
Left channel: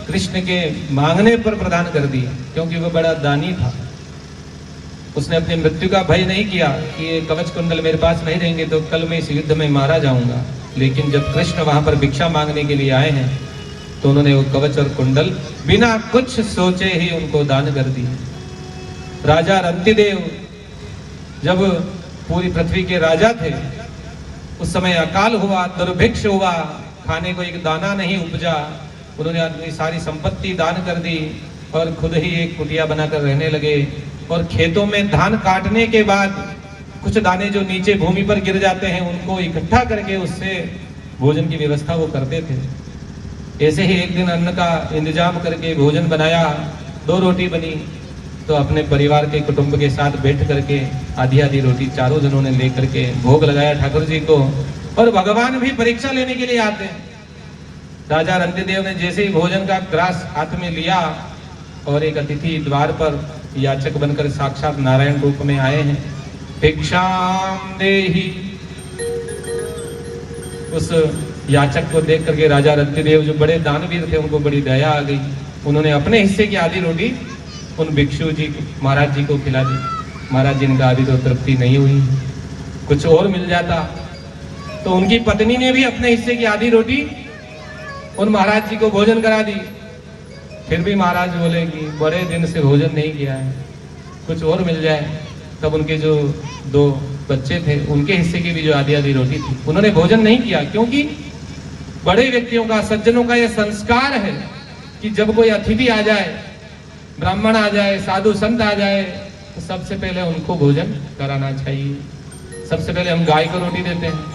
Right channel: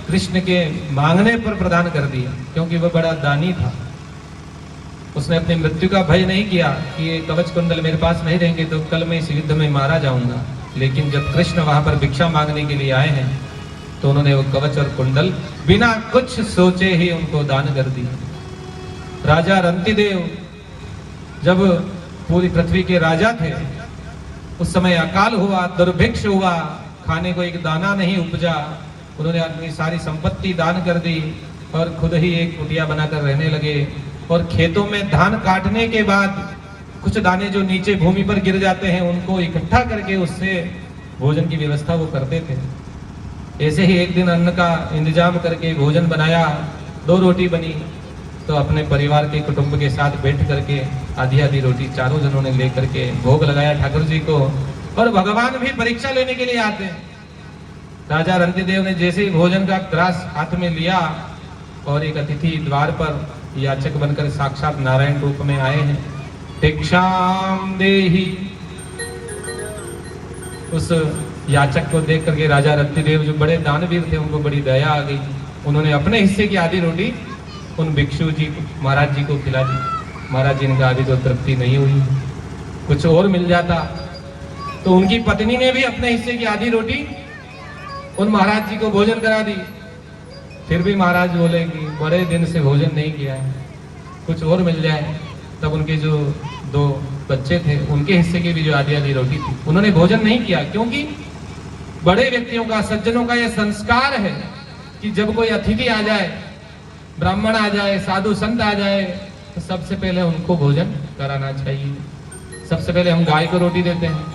कृष्ण के मांगने पर प्रदान कर दिए, क्योंकि वह बड़ा दानी था। उसने अपनी मृत्यु का भय नहीं किया कि ये कवच कुंडल मेरे पास नहीं रहेंगे तो कल मैं इस युद्ध में मारा जाऊंगा। लेकिन जब कृष्ण वहां पर भिक्षा मांगने के लिए आए हैं तो उन्होंने वो कवच और कुंडल बिना कुछ सोचे ही उनको दान कर दिए। राजा रंतिदेव जब पूरी पृथ्वी के राजा थे, उस समय अकाल हुआ, दुर्भिक्ष हुआ, खाने को एक दाना नहीं उपजा। उन्होंने अपनी सारी संपत्ति दान कर दी और खुद ही एक कुटिया बनाकर रहने लगे। और खेतों में धान काटने के बाद कुछ दाने जो नीचे भूमि पर गिर जाते हैं उनको इकट्ठा करके उससे भोजन की व्यवस्था वो करते थे। ऐसे ही एक दिन अन्न का इंतजाम करके भोजन बनाया, 2 रोटी बनी तो अपने परिवार के कुटुंब के साथ बैठ करके आधी आधी रोटी चारों जनों ने लेकर के भोग लगाया ठाकुर जी को। और भगवान भी परीक्षा लेने के लिए आते हैं। राजा रंतिदेव ने जैसे ही भोजन का ग्रास हाथ में लिया और एक अतिथि द्वार पर याचक बनकर साक्षात नारायण रूप में आए हैं, भिक्षाम देहि। उस याचक को देख करके राजा रंतिदेव जो बड़े दानवीर थे उनको बड़ी दया आ गई। उन्होंने अपने हिस्से की आधी रोटी उन भिक्षु जी महाराज जी को खिला दी। महाराज जी ने कहा अभी तो तृप्ति नहीं हुई, कुछ और मिल जाता। तो उनकी पत्नी ने भी अपने हिस्से की आधी रोटी उन महाराज जी को भोजन करा दी। फिर भी महाराज बोले कि बड़े दिन से भोजन नहीं किया है, कुछ और मिल जाए। तब उनके जो 2 बच्चे थे उनके हिस्से की भी जो आधी आधी रोटी थी उन्होंने भोजन नहीं किया, क्योंकि बड़े व्यक्तियों का, सज्जनों का यह संस्कार है कि जब कोई अतिथि आ जाए, ब्राह्मण आ जाए, साधु संत आ जाए, तो सबसे पहले उनको भोजन कराना चाहिए। सबसे पहले हम गाय को रोटी देते हैं,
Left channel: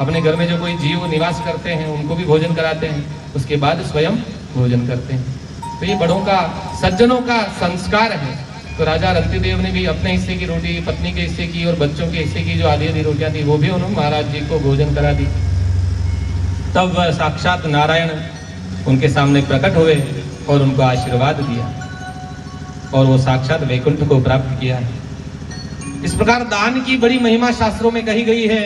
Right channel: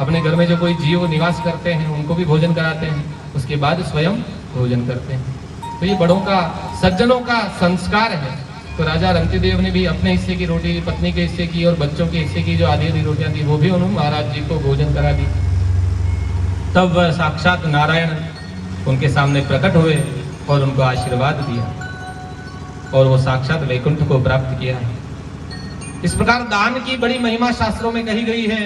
अपने घर में जो कोई जीव निवास करते हैं उनको भी भोजन कराते हैं, उसके बाद स्वयं भोजन करते हैं। तो ये बड़ों का, सज्जनों का संस्कार है। तो राजा रंतिदेव ने भी अपने हिस्से की रोटी, पत्नी के हिस्से की और बच्चों के हिस्से की जो आधी आधी रोटियां थी वो भी उन्होंने महाराज जी को भोजन करा दी। तब वह साक्षात नारायण उनके सामने प्रकट हुए और उनको आशीर्वाद दिया और वो साक्षात वैकुंठ को प्राप्त किया। इस प्रकार दान की बड़ी महिमा शास्त्रों में कही गई है।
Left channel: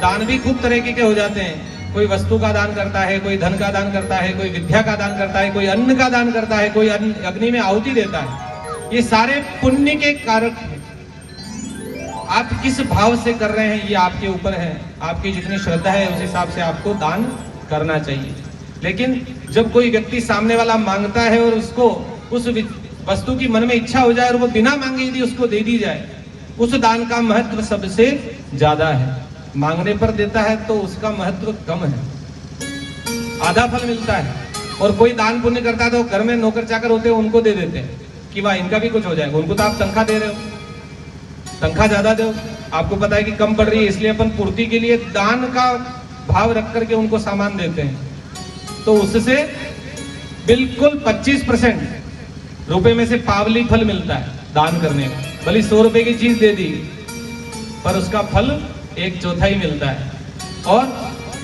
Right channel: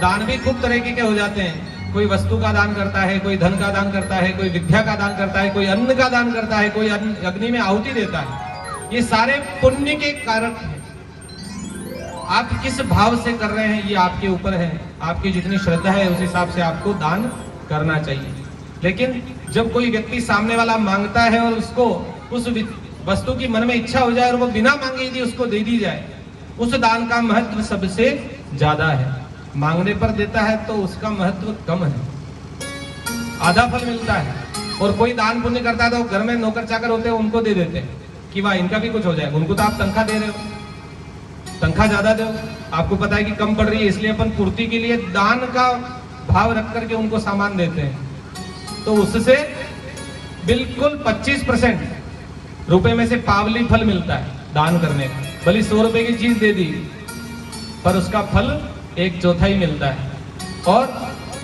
दान भी खूब तरीके के हो जाते हैं। कोई वस्तु का दान करता है, कोई धन का दान करता है, कोई विद्या का दान करता है, कोई अन्न का दान करता है, कोई अग्नि में आहुति देता है। ये सारे पुण्य के कारक हैं। आप किस भाव से कर रहे हैं ये आपके ऊपर है। आपकी जितनी श्रद्धा है उस हिसाब से आपको दान करना चाहिए। लेकिन जब कोई व्यक्ति सामने वाला मांगता है और उसको उस वस्तु की मन में इच्छा हो जाए और वो बिना मांगे यदि उसको दे दी जाए, उस दान का महत्व सबसे ज्यादा है। मांगने पर देता है तो उसका महत्व कम है, आधा फल मिलता है। और कोई दान पुण्य करता है तो घर में नौकर चाकर होते हैं उनको दे देते हैं कि वाह इनका भी कुछ हो जाएगा। उनको तो आप तनख्वाह दे रहे हो, तनख्वाह ज्यादा दो, आपको पता है कि कम पड़ रही है, इसलिए अपन पूर्ति के लिए दान का भाव रख करके उनको सामान देते हैं। तो उससे बिल्कुल 25% रुपए में से पावली फल मिलता है दान करने का। भले 100 रुपए की चीज दे दी पर उसका फल 1/4 मिलता है। और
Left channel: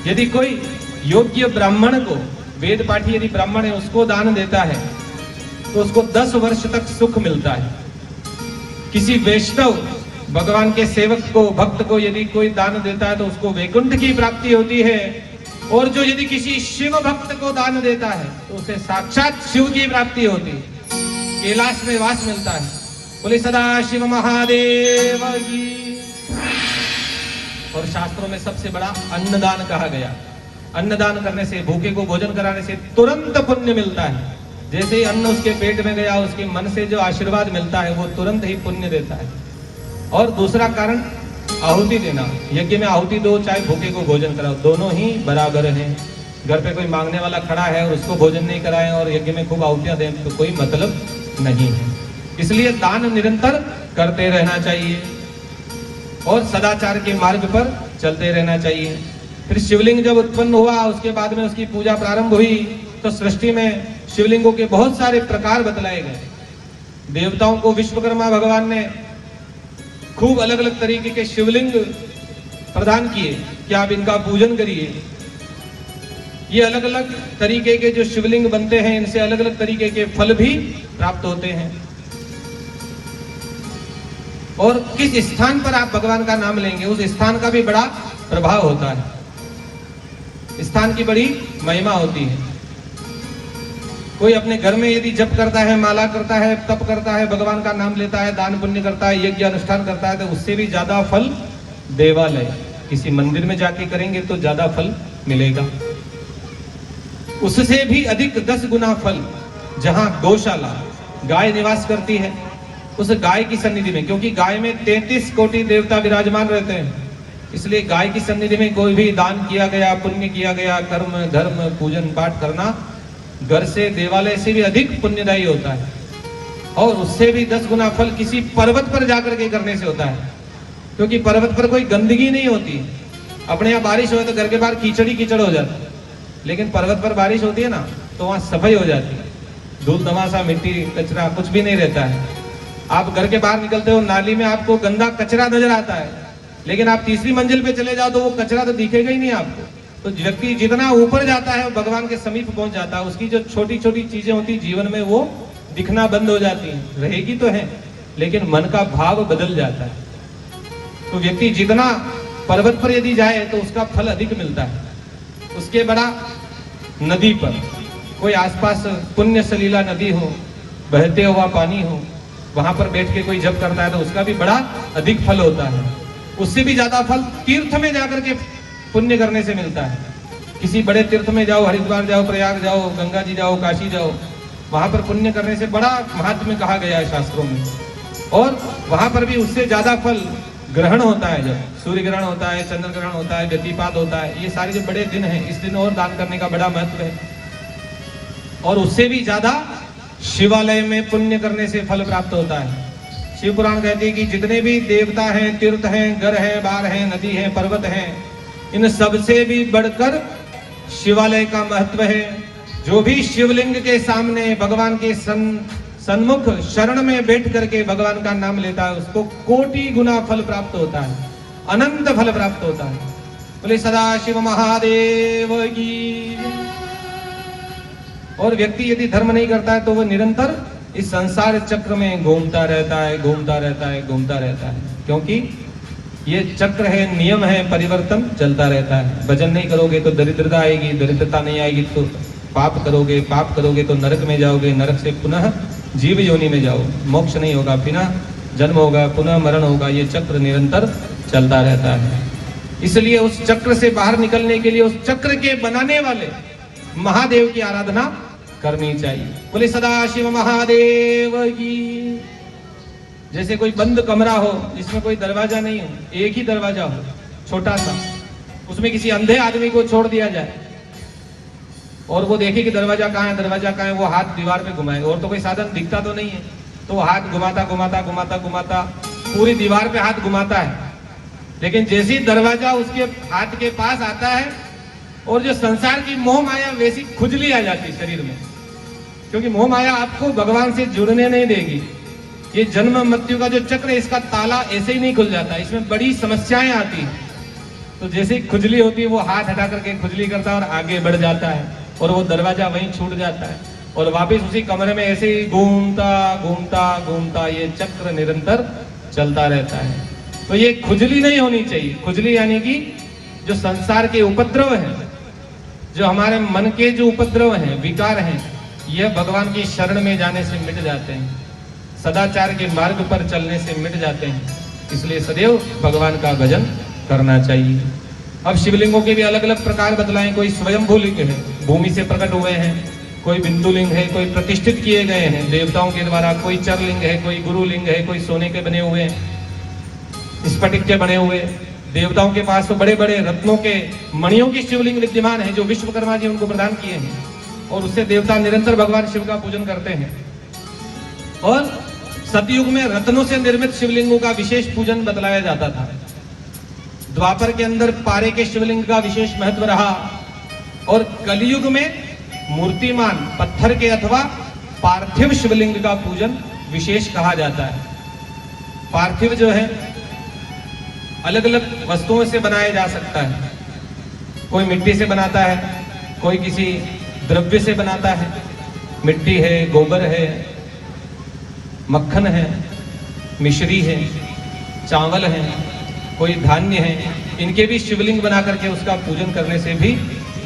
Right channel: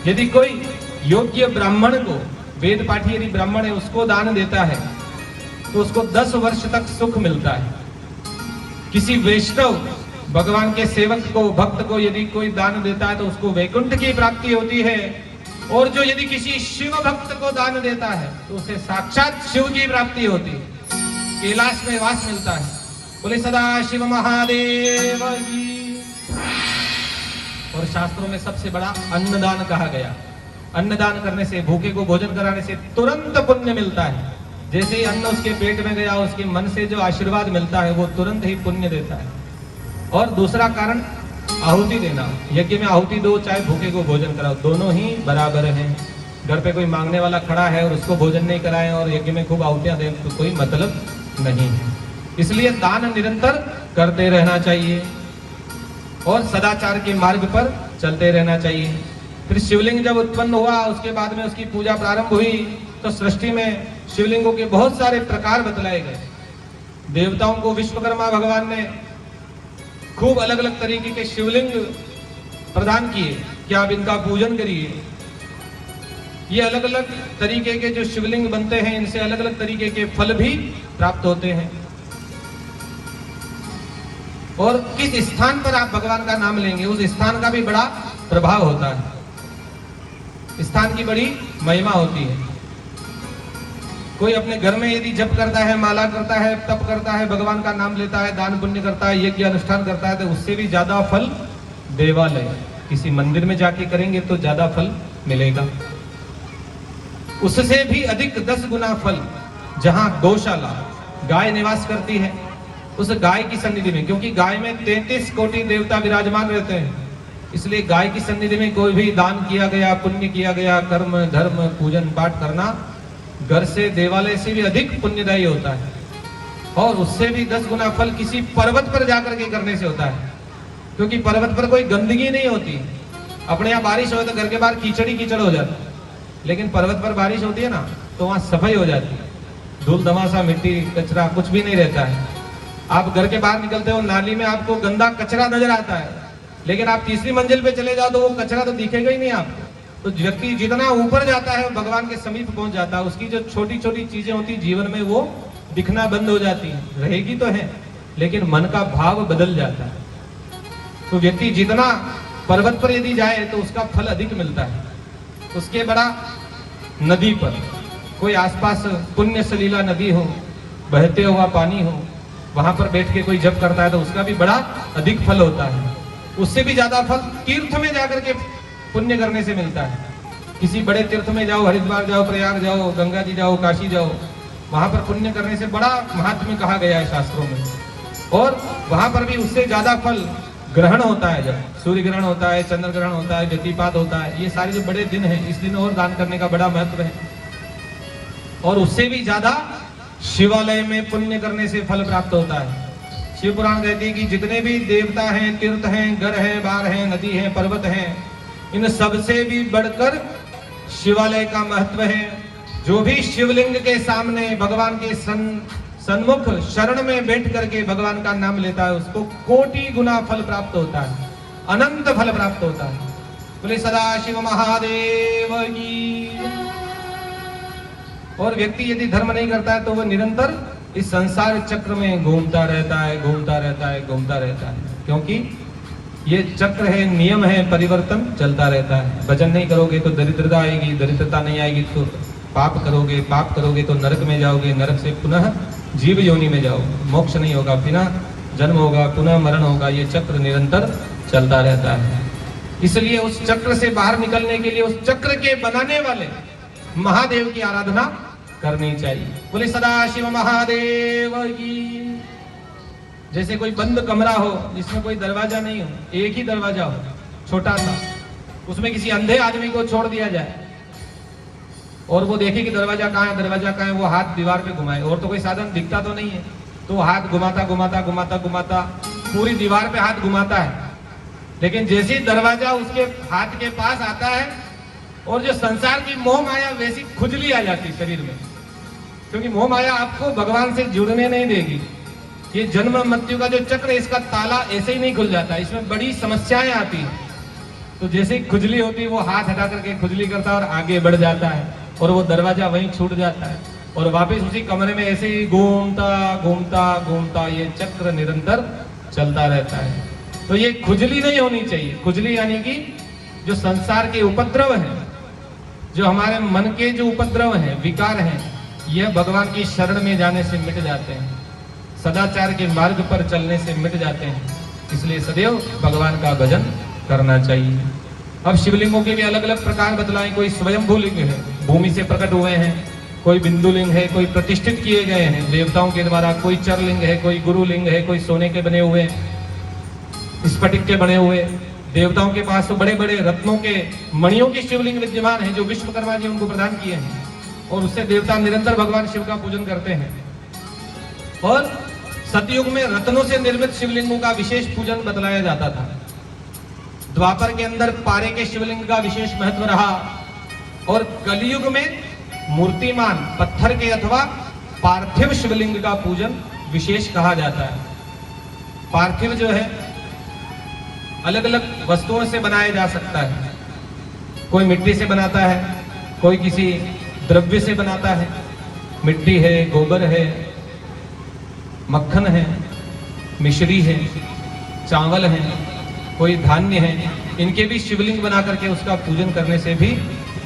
यदि कोई योग्य ब्राह्मण को, वेद पाठी यदि ब्राह्मण है उसको दान देता है तो उसको 10 वर्ष तक सुख मिलता है। किसी वैष्णव भगवान के सेवक को, भक्त को यदि कोई दान देता है तो उसको वैकुंठ की प्राप्ति होती है। और जो यदि किसी शिव भक्त को दान देता है तो उसे साक्षात शिव की प्राप्ति होती है, कैलाश में वास मिलता है। बोले सदा शिव महादेव की। और शास्त्रों में सबसे बड़ा अन्नदान कहा गया। अन्नदान करने से, भूखे को भोजन कराने से तुरंत पुण्य मिलता है। जैसे ही अन्न उसके पेट में गया, उसके मन से जो आशीर्वाद मिलता है वो तुरंत ही पुण्य देता है। और दूसरा कारण आहुति देना। यज्ञ में आहुति दो, चाहे भूखे को भोजन कराओ, दोनों ही बराबर हैं। घर पे कोई मांगने वाला खड़ा है और उसको भोजन नहीं कराएं और यज्ञ में खूब आहुतियां दें तो कोई मतलब नहीं है। इसलिए दान निरंतर करते रहना चाहिए और सदाचार के मार्ग पर चलते रहना चाहिए। फिर शिवलिंग जब उत्पन्न हुआ उसके बाद में उसकी पूजा प्रारंभ हुई तो सृष्टि में शिवलिंगों के बहुत सारे प्रकार बतलाए गए। देवताओं को विश्वकर्मा भगवान ने खूब अलग अलग तरीके के शिवलिंग प्रदान किए कि आप इनका पूजन करिए। ये अलग अलग तरीके के जो शिवलिंग बनते हैं इनसे अलग अलग तरीके के फल भी प्राप्त होते हैं। और किस स्थान पर आप भगवान का नाम लेंगे उस स्थान का भी बड़ा प्रभाव होता है। स्थान की बड़ी महिमा होती है। कोई अपने घर में यदि जप करता है, माला करता है, तप करता है, भगवान का नाम लेता है, दान पुण्य करता है, यज्ञ अनुष्ठान करता है, तो उससे भी ज्यादा फल देवालय, किसी मंदिर में जाके करेंगे तो ज्यादा फल मिलेगा। उससे भी अधिक 10 गुना फल जहां गौशाला, गाय निवास करती है, उस गाय की सन्निधि में, क्योंकि गाय में 33 कोटि देवता विराजमान रहते हैं, इसलिए गाय की सन्निधि में कोई भी दान किया गया, पुण्य किया गया, कर्म धर्म पूजन पाठ करना घर से, देवालय से भी अधिक पुण्यदायी होता है। और उससे भी 10 गुना फल किसी पर्वत पर जाकर के करने से होता है, क्योंकि पर्वत पर कोई गंदगी नहीं होती। अपने यहाँ बारिश हो तो घर के बाहर कीचड़ी कीचड़ हो जाता है, लेकिन पर्वत पर बारिश होती है ना तो वहां सफाई हो जाती है, धूल धमासा, मिट्टी कचरा कुछ भी नहीं रहता है। आप घर के बाहर निकलते हो, नाली में आपको गंदा कचरा नजर आता है, लेकिन आप तीसरी मंजिल पे चले जाओ तो वो कचरा तो दिखेगा ही नहीं आपको। तो व्यक्ति जितना ऊपर जाता है भगवान के समीप पहुंच जाता है, उसकी जो छोटी छोटी चीजें होती जीवन में वो दिखना बंद हो जाती है, रहेगी तो है लेकिन मन का भाव बदल जाता है। तो व्यक्ति जितना पर्वत पर यदि जाए तो उसका फल अधिक मिलता है। उसके बड़ा नदी पर, कोई आसपास पुण्य सलीला नदी हो, बहते हुआ पानी हो, वहां पर बैठ के कोई जप करता है तो उसका भी बड़ा अधिक फल होता है। उससे भी ज्यादा फल तीर्थ में जाकर के पुण्य करने से मिलता है। किसी बड़े तीर्थ में जाओ, हरिद्वार जाओ, प्रयाग जाओ, गंगा जी जाओ, काशी जाओ, वहां पर पुण्य करने से बड़ा महात्म्य कहा गया है शास्त्रों में। और वहां पर भी उससे ज्यादा फल ग्रहण होता है, जब सूर्य ग्रहण होता है, चंद्र ग्रहण होता है, व्यतिपात होता है, ये सारे जो बड़े दिन हैं, इस दिन और दान करने का बड़ा महत्व है। और उससे भी ज्यादा शिवालय में पुण्य करने से फल प्राप्त होता है। शिव पुराण कहती है कि जितने भी देवता हैं, तीर्थ हैं, घर हैं, बार हैं, नदी है, पर्वत हैं, इन सबसे भी बढ़कर शिवालय का महत्व है। जो भी शिवलिंग के सामने भगवान के सन्मुख शरण में बैठ करके भगवान का नाम लेता है, उसको कोटि गुना फल प्राप्त होता है, अनंत फल प्राप्त होता है। बोले सदाशिव महादेव की। और व्यक्ति यदि धर्म नहीं करता है तो वो निरंतर इस संसार चक्र में घूमता रहता है, घूमता रहता है, घूमता रहता है, क्योंकि ये चक्र है, नियम है, परिवर्तन चलता रहता है। भजन नहीं करोगे तो दरिद्रता आएगी, दरिद्रता नहीं आएगी तो पाप करोगे, पाप करोगे तो नरक में जाओगे, नरक से पुनः जीव योनि में जाओ, मोक्ष नहीं होगा, पुनः जन्म होगा, पुनः मरण होगा। ये चक्र निरंतर चलता रहता है। इसलिए उस चक्र से बाहर निकलने के लिए उस चक्र के बनाने वाले महादेव की आराधना करनी चाहिए। बोले सदाशिव महादेव की। जैसे कोई बंद कमरा हो जिसमें कोई दरवाजा नहीं हो, एक ही दरवाजा हो छोटा सा, उसमें किसी अंधे आदमी को छोड़ दिया जाए और वो देखे कि दरवाजा कहाँ है, दरवाजा कहाँ है, वो हाथ दीवार पे घुमाए, और तो कोई साधन दिखता तो नहीं है, तो वो हाथ घुमाता घुमाता घुमाता घुमाता पूरी दीवार पे हाथ घुमाता है। लेकिन जैसे ही दरवाजा उसके हाथ के पास आता है और जो संसार की मोह माया वैसी खुजली आ जाती है शरीर में, क्योंकि मोह माया आपको भगवान से जुड़ने नहीं देगी। ये जन्म मृत्यु का जो चक्र है, इसका ताला ऐसे ही नहीं खुल जाता, इसमें बड़ी समस्याएं आती हैं। तो जैसे ही खुजली होती है वो हाथ हटा करके खुजली करता है और आगे बढ़ जाता है और वो दरवाजा वहीं छूट जाता है और वापस उसी कमरे में ऐसे ही घूमता घूमता घूमता ये चक्र निरंतर चलता रहता है। तो ये खुजली नहीं होनी चाहिए। खुजली यानी कि जो संसार के उपद्रव हैं, जो हमारे मन के जो उपद्रव हैं, विकार हैं, यह भगवान की शरण में जाने से मिट जाते हैं, सदाचार के मार्ग पर चलने से मिट जाते हैं। इसलिए सदैव भगवान का भजन करना चाहिए। अब शिवलिंगों के भी अलग अलग प्रकार बतलाए। कोई स्वयंभू लिंग है, भूमि से प्रकट हुए हैं, कोई बिंदु लिंग है, कोई प्रतिष्ठित किए गए हैं देवताओं के द्वारा, कोई चर लिंग है, कोई गुरु लिंग है, कोई सोने के बने हुए, स्फटिक के बने हुए। देवताओं के पास तो बड़े बड़े रत्नों के मणियों की शिवलिंग विद्यमान है जो विश्वकर्मा जी उनको प्रदान किए हैं, और उससे देवता निरंतर भगवान शिव का पूजन करते हैं। और सतयुग में रत्नों से निर्मित शिवलिंगों का विशेष पूजन बतलाया जाता था। द्वापर के अंदर पारे के शिवलिंग का विशेष महत्व रहा, और कलयुग में मूर्तिमान पत्थर के अथवा पार्थिव शिवलिंग का पूजन विशेष कहा जाता है। पार्थिव जो है अलग अलग वस्तुओं से बनाया जा सकता है। कोई मिट्टी से बनाता है, कोई किसी द्रव्य से बनाता है, मिट्टी है, गोबर है, मक्खन है, मिश्री है, चावल है, कोई धान्य है। इनके भी शिवलिंग बना करके उसका पूजन करने से भी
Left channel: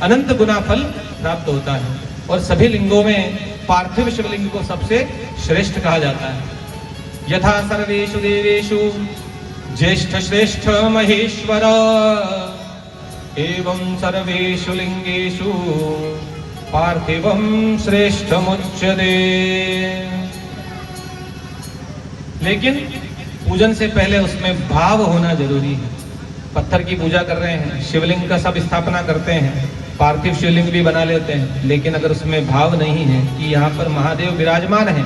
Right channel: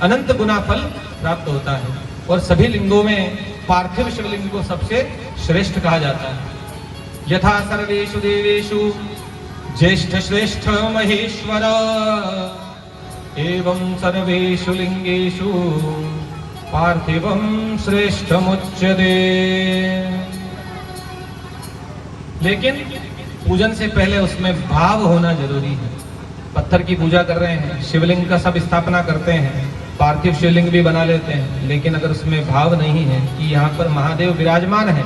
अनंत गुना फल प्राप्त होता है। और सभी लिंगों में पार्थिव शिवलिंग को सबसे श्रेष्ठ कहा जाता है। यथा सर्वेषु देवेषु ज्येष्ठ श्रेष्ठ महेश्वर एवं सर्वेषु लिंगेषु पार्थिवं श्रेष्ठमुच्यते। लेकिन पूजन से पहले उसमें भाव होना जरूरी है। पत्थर की पूजा कर रहे हैं, शिवलिंग का सब स्थापना करते हैं, पार्थिव शिवलिंग भी बना लेते हैं, लेकिन अगर उसमें भाव नहीं है कि यहाँ पर महादेव विराजमान है,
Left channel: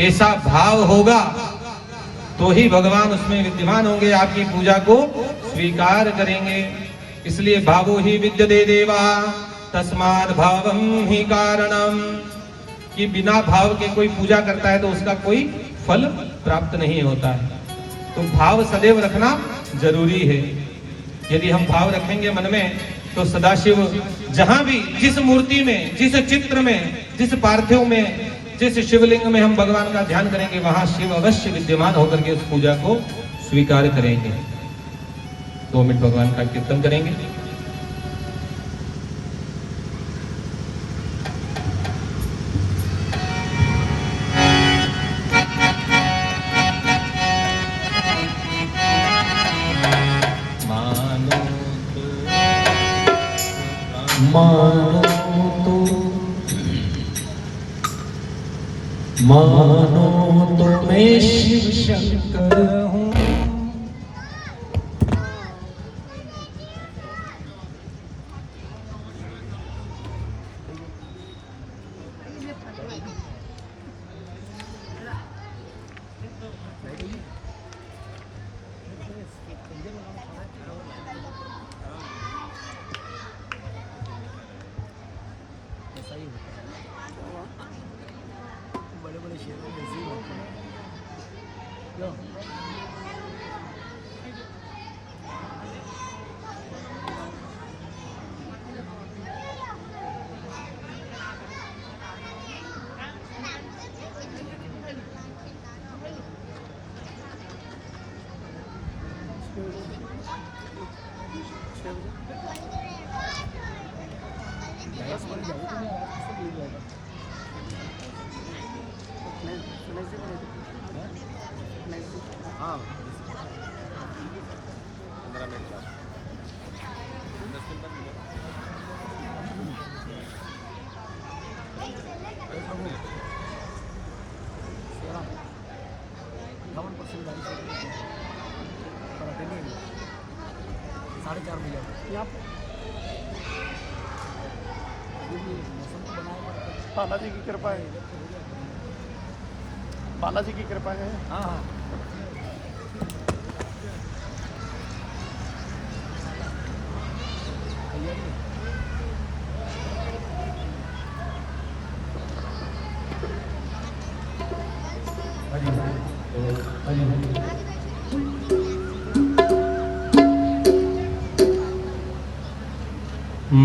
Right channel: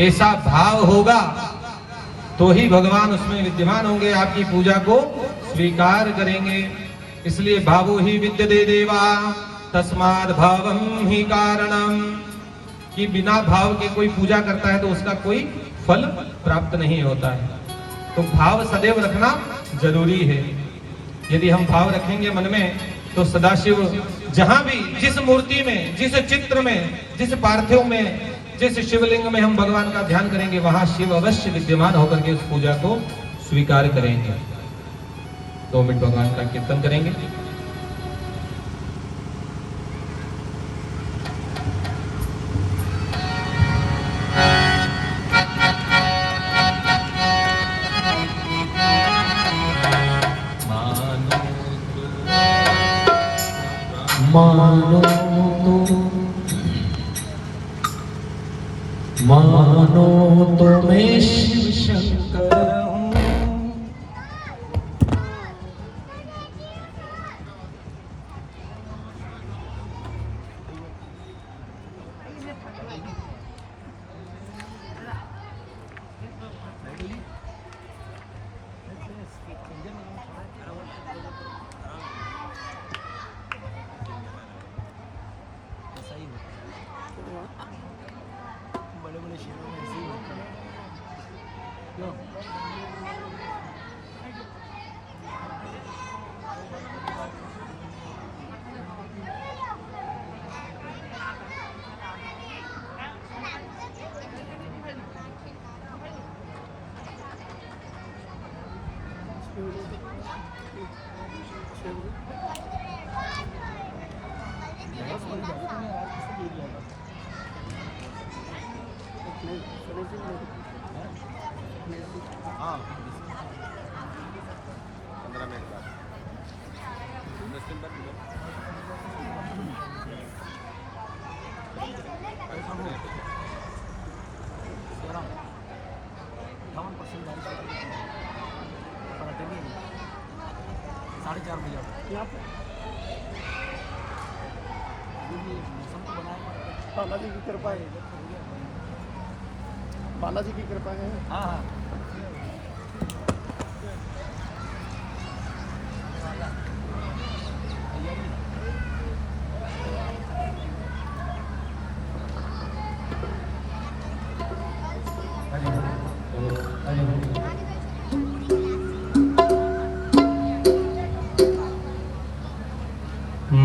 ऐसा भाव होगा तो ही भगवान उसमें विद्यमान होंगे, आपकी पूजा को स्वीकार करेंगे। इसलिए भावो ही विद्यते देवा तस्माद् भावम ही कारणम, कि बिना भाव के कोई पूजा करता है तो उसका कोई फल प्राप्त नहीं होता है। तो भाव सदैव रखना जरूरी है। यदि हम भाव रखेंगे मन में तो सदाशिव जहां भी, जिस मूर्ति में, जिस चित्र में, जिस पार्थिव में, जिस शिवलिंग में हम भगवान का ध्यान करेंगे, वहां शिव अवश्य विद्यमान होकर के उस पूजा को स्वीकार करेंगे। 2 मिनट भगवान का कीर्तन करेंगे। मानो तो मैं शिव शंकर हूँ। बालाजी की कृपा है, बालाजी की कृपा है।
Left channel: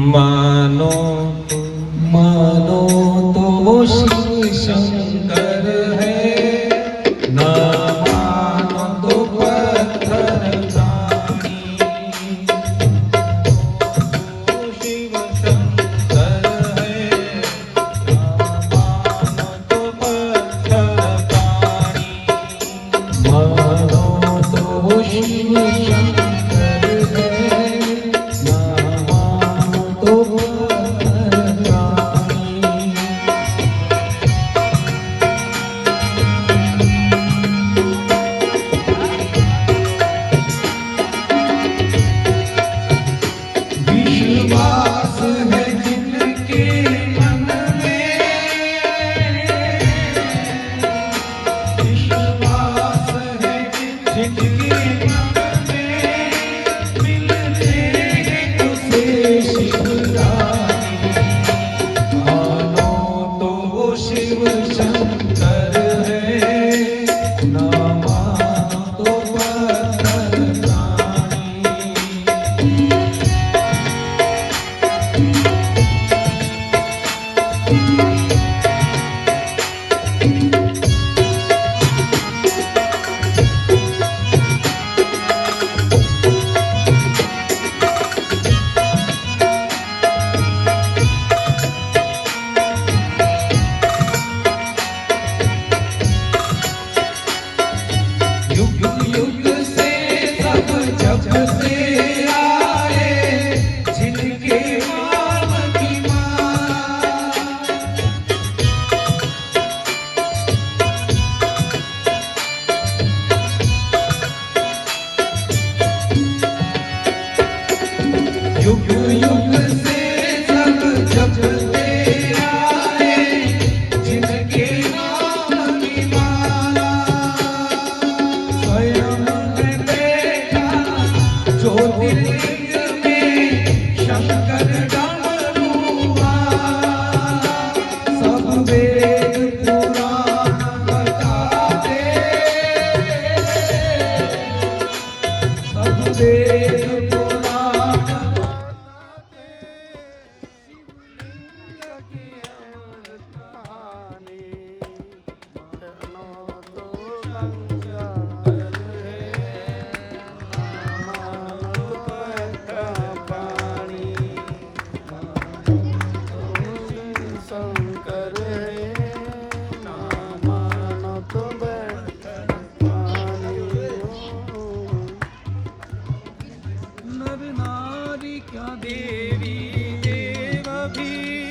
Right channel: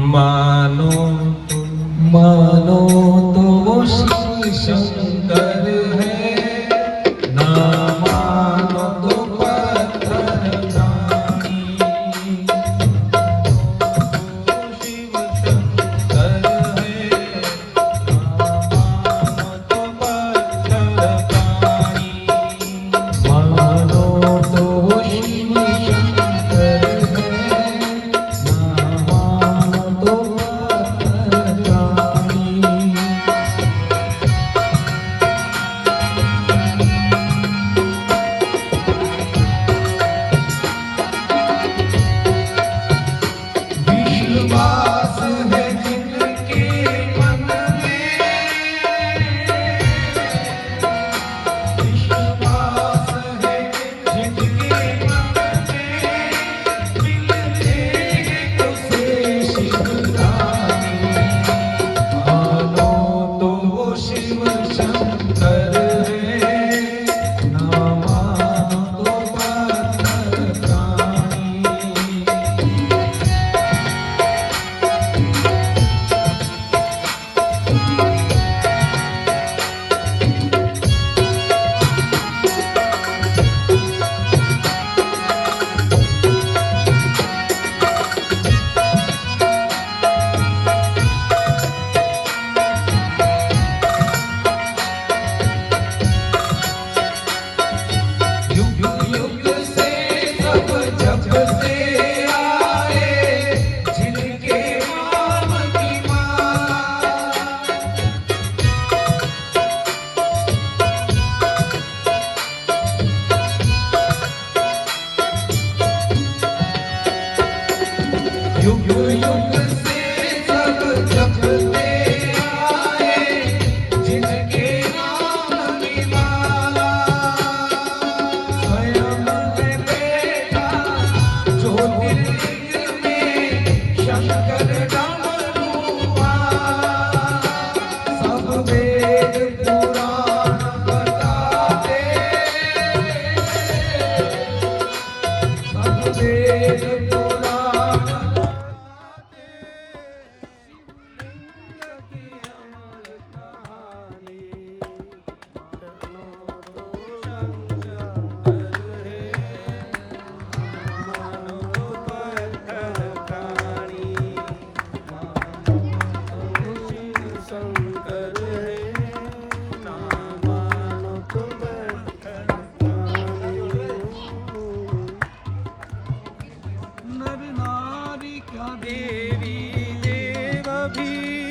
मानो मानो तो शिव शंकर है, ना मानो तो पत्थर दानी। शिव शंकर है, ना मानो तो पत्थर दानी। मानो तो शिव शंकर है, ना मानो तो पत्थर युग युग से सब जपते आए जिनके नाम की माला स्वयं में बैठा ज्योतिर्लिंग में शंकर डमरू वाला सब वेद पुराण बताते सब वेद पुराण शंकर है नामानो तो नर नारी क्या देवी देव भी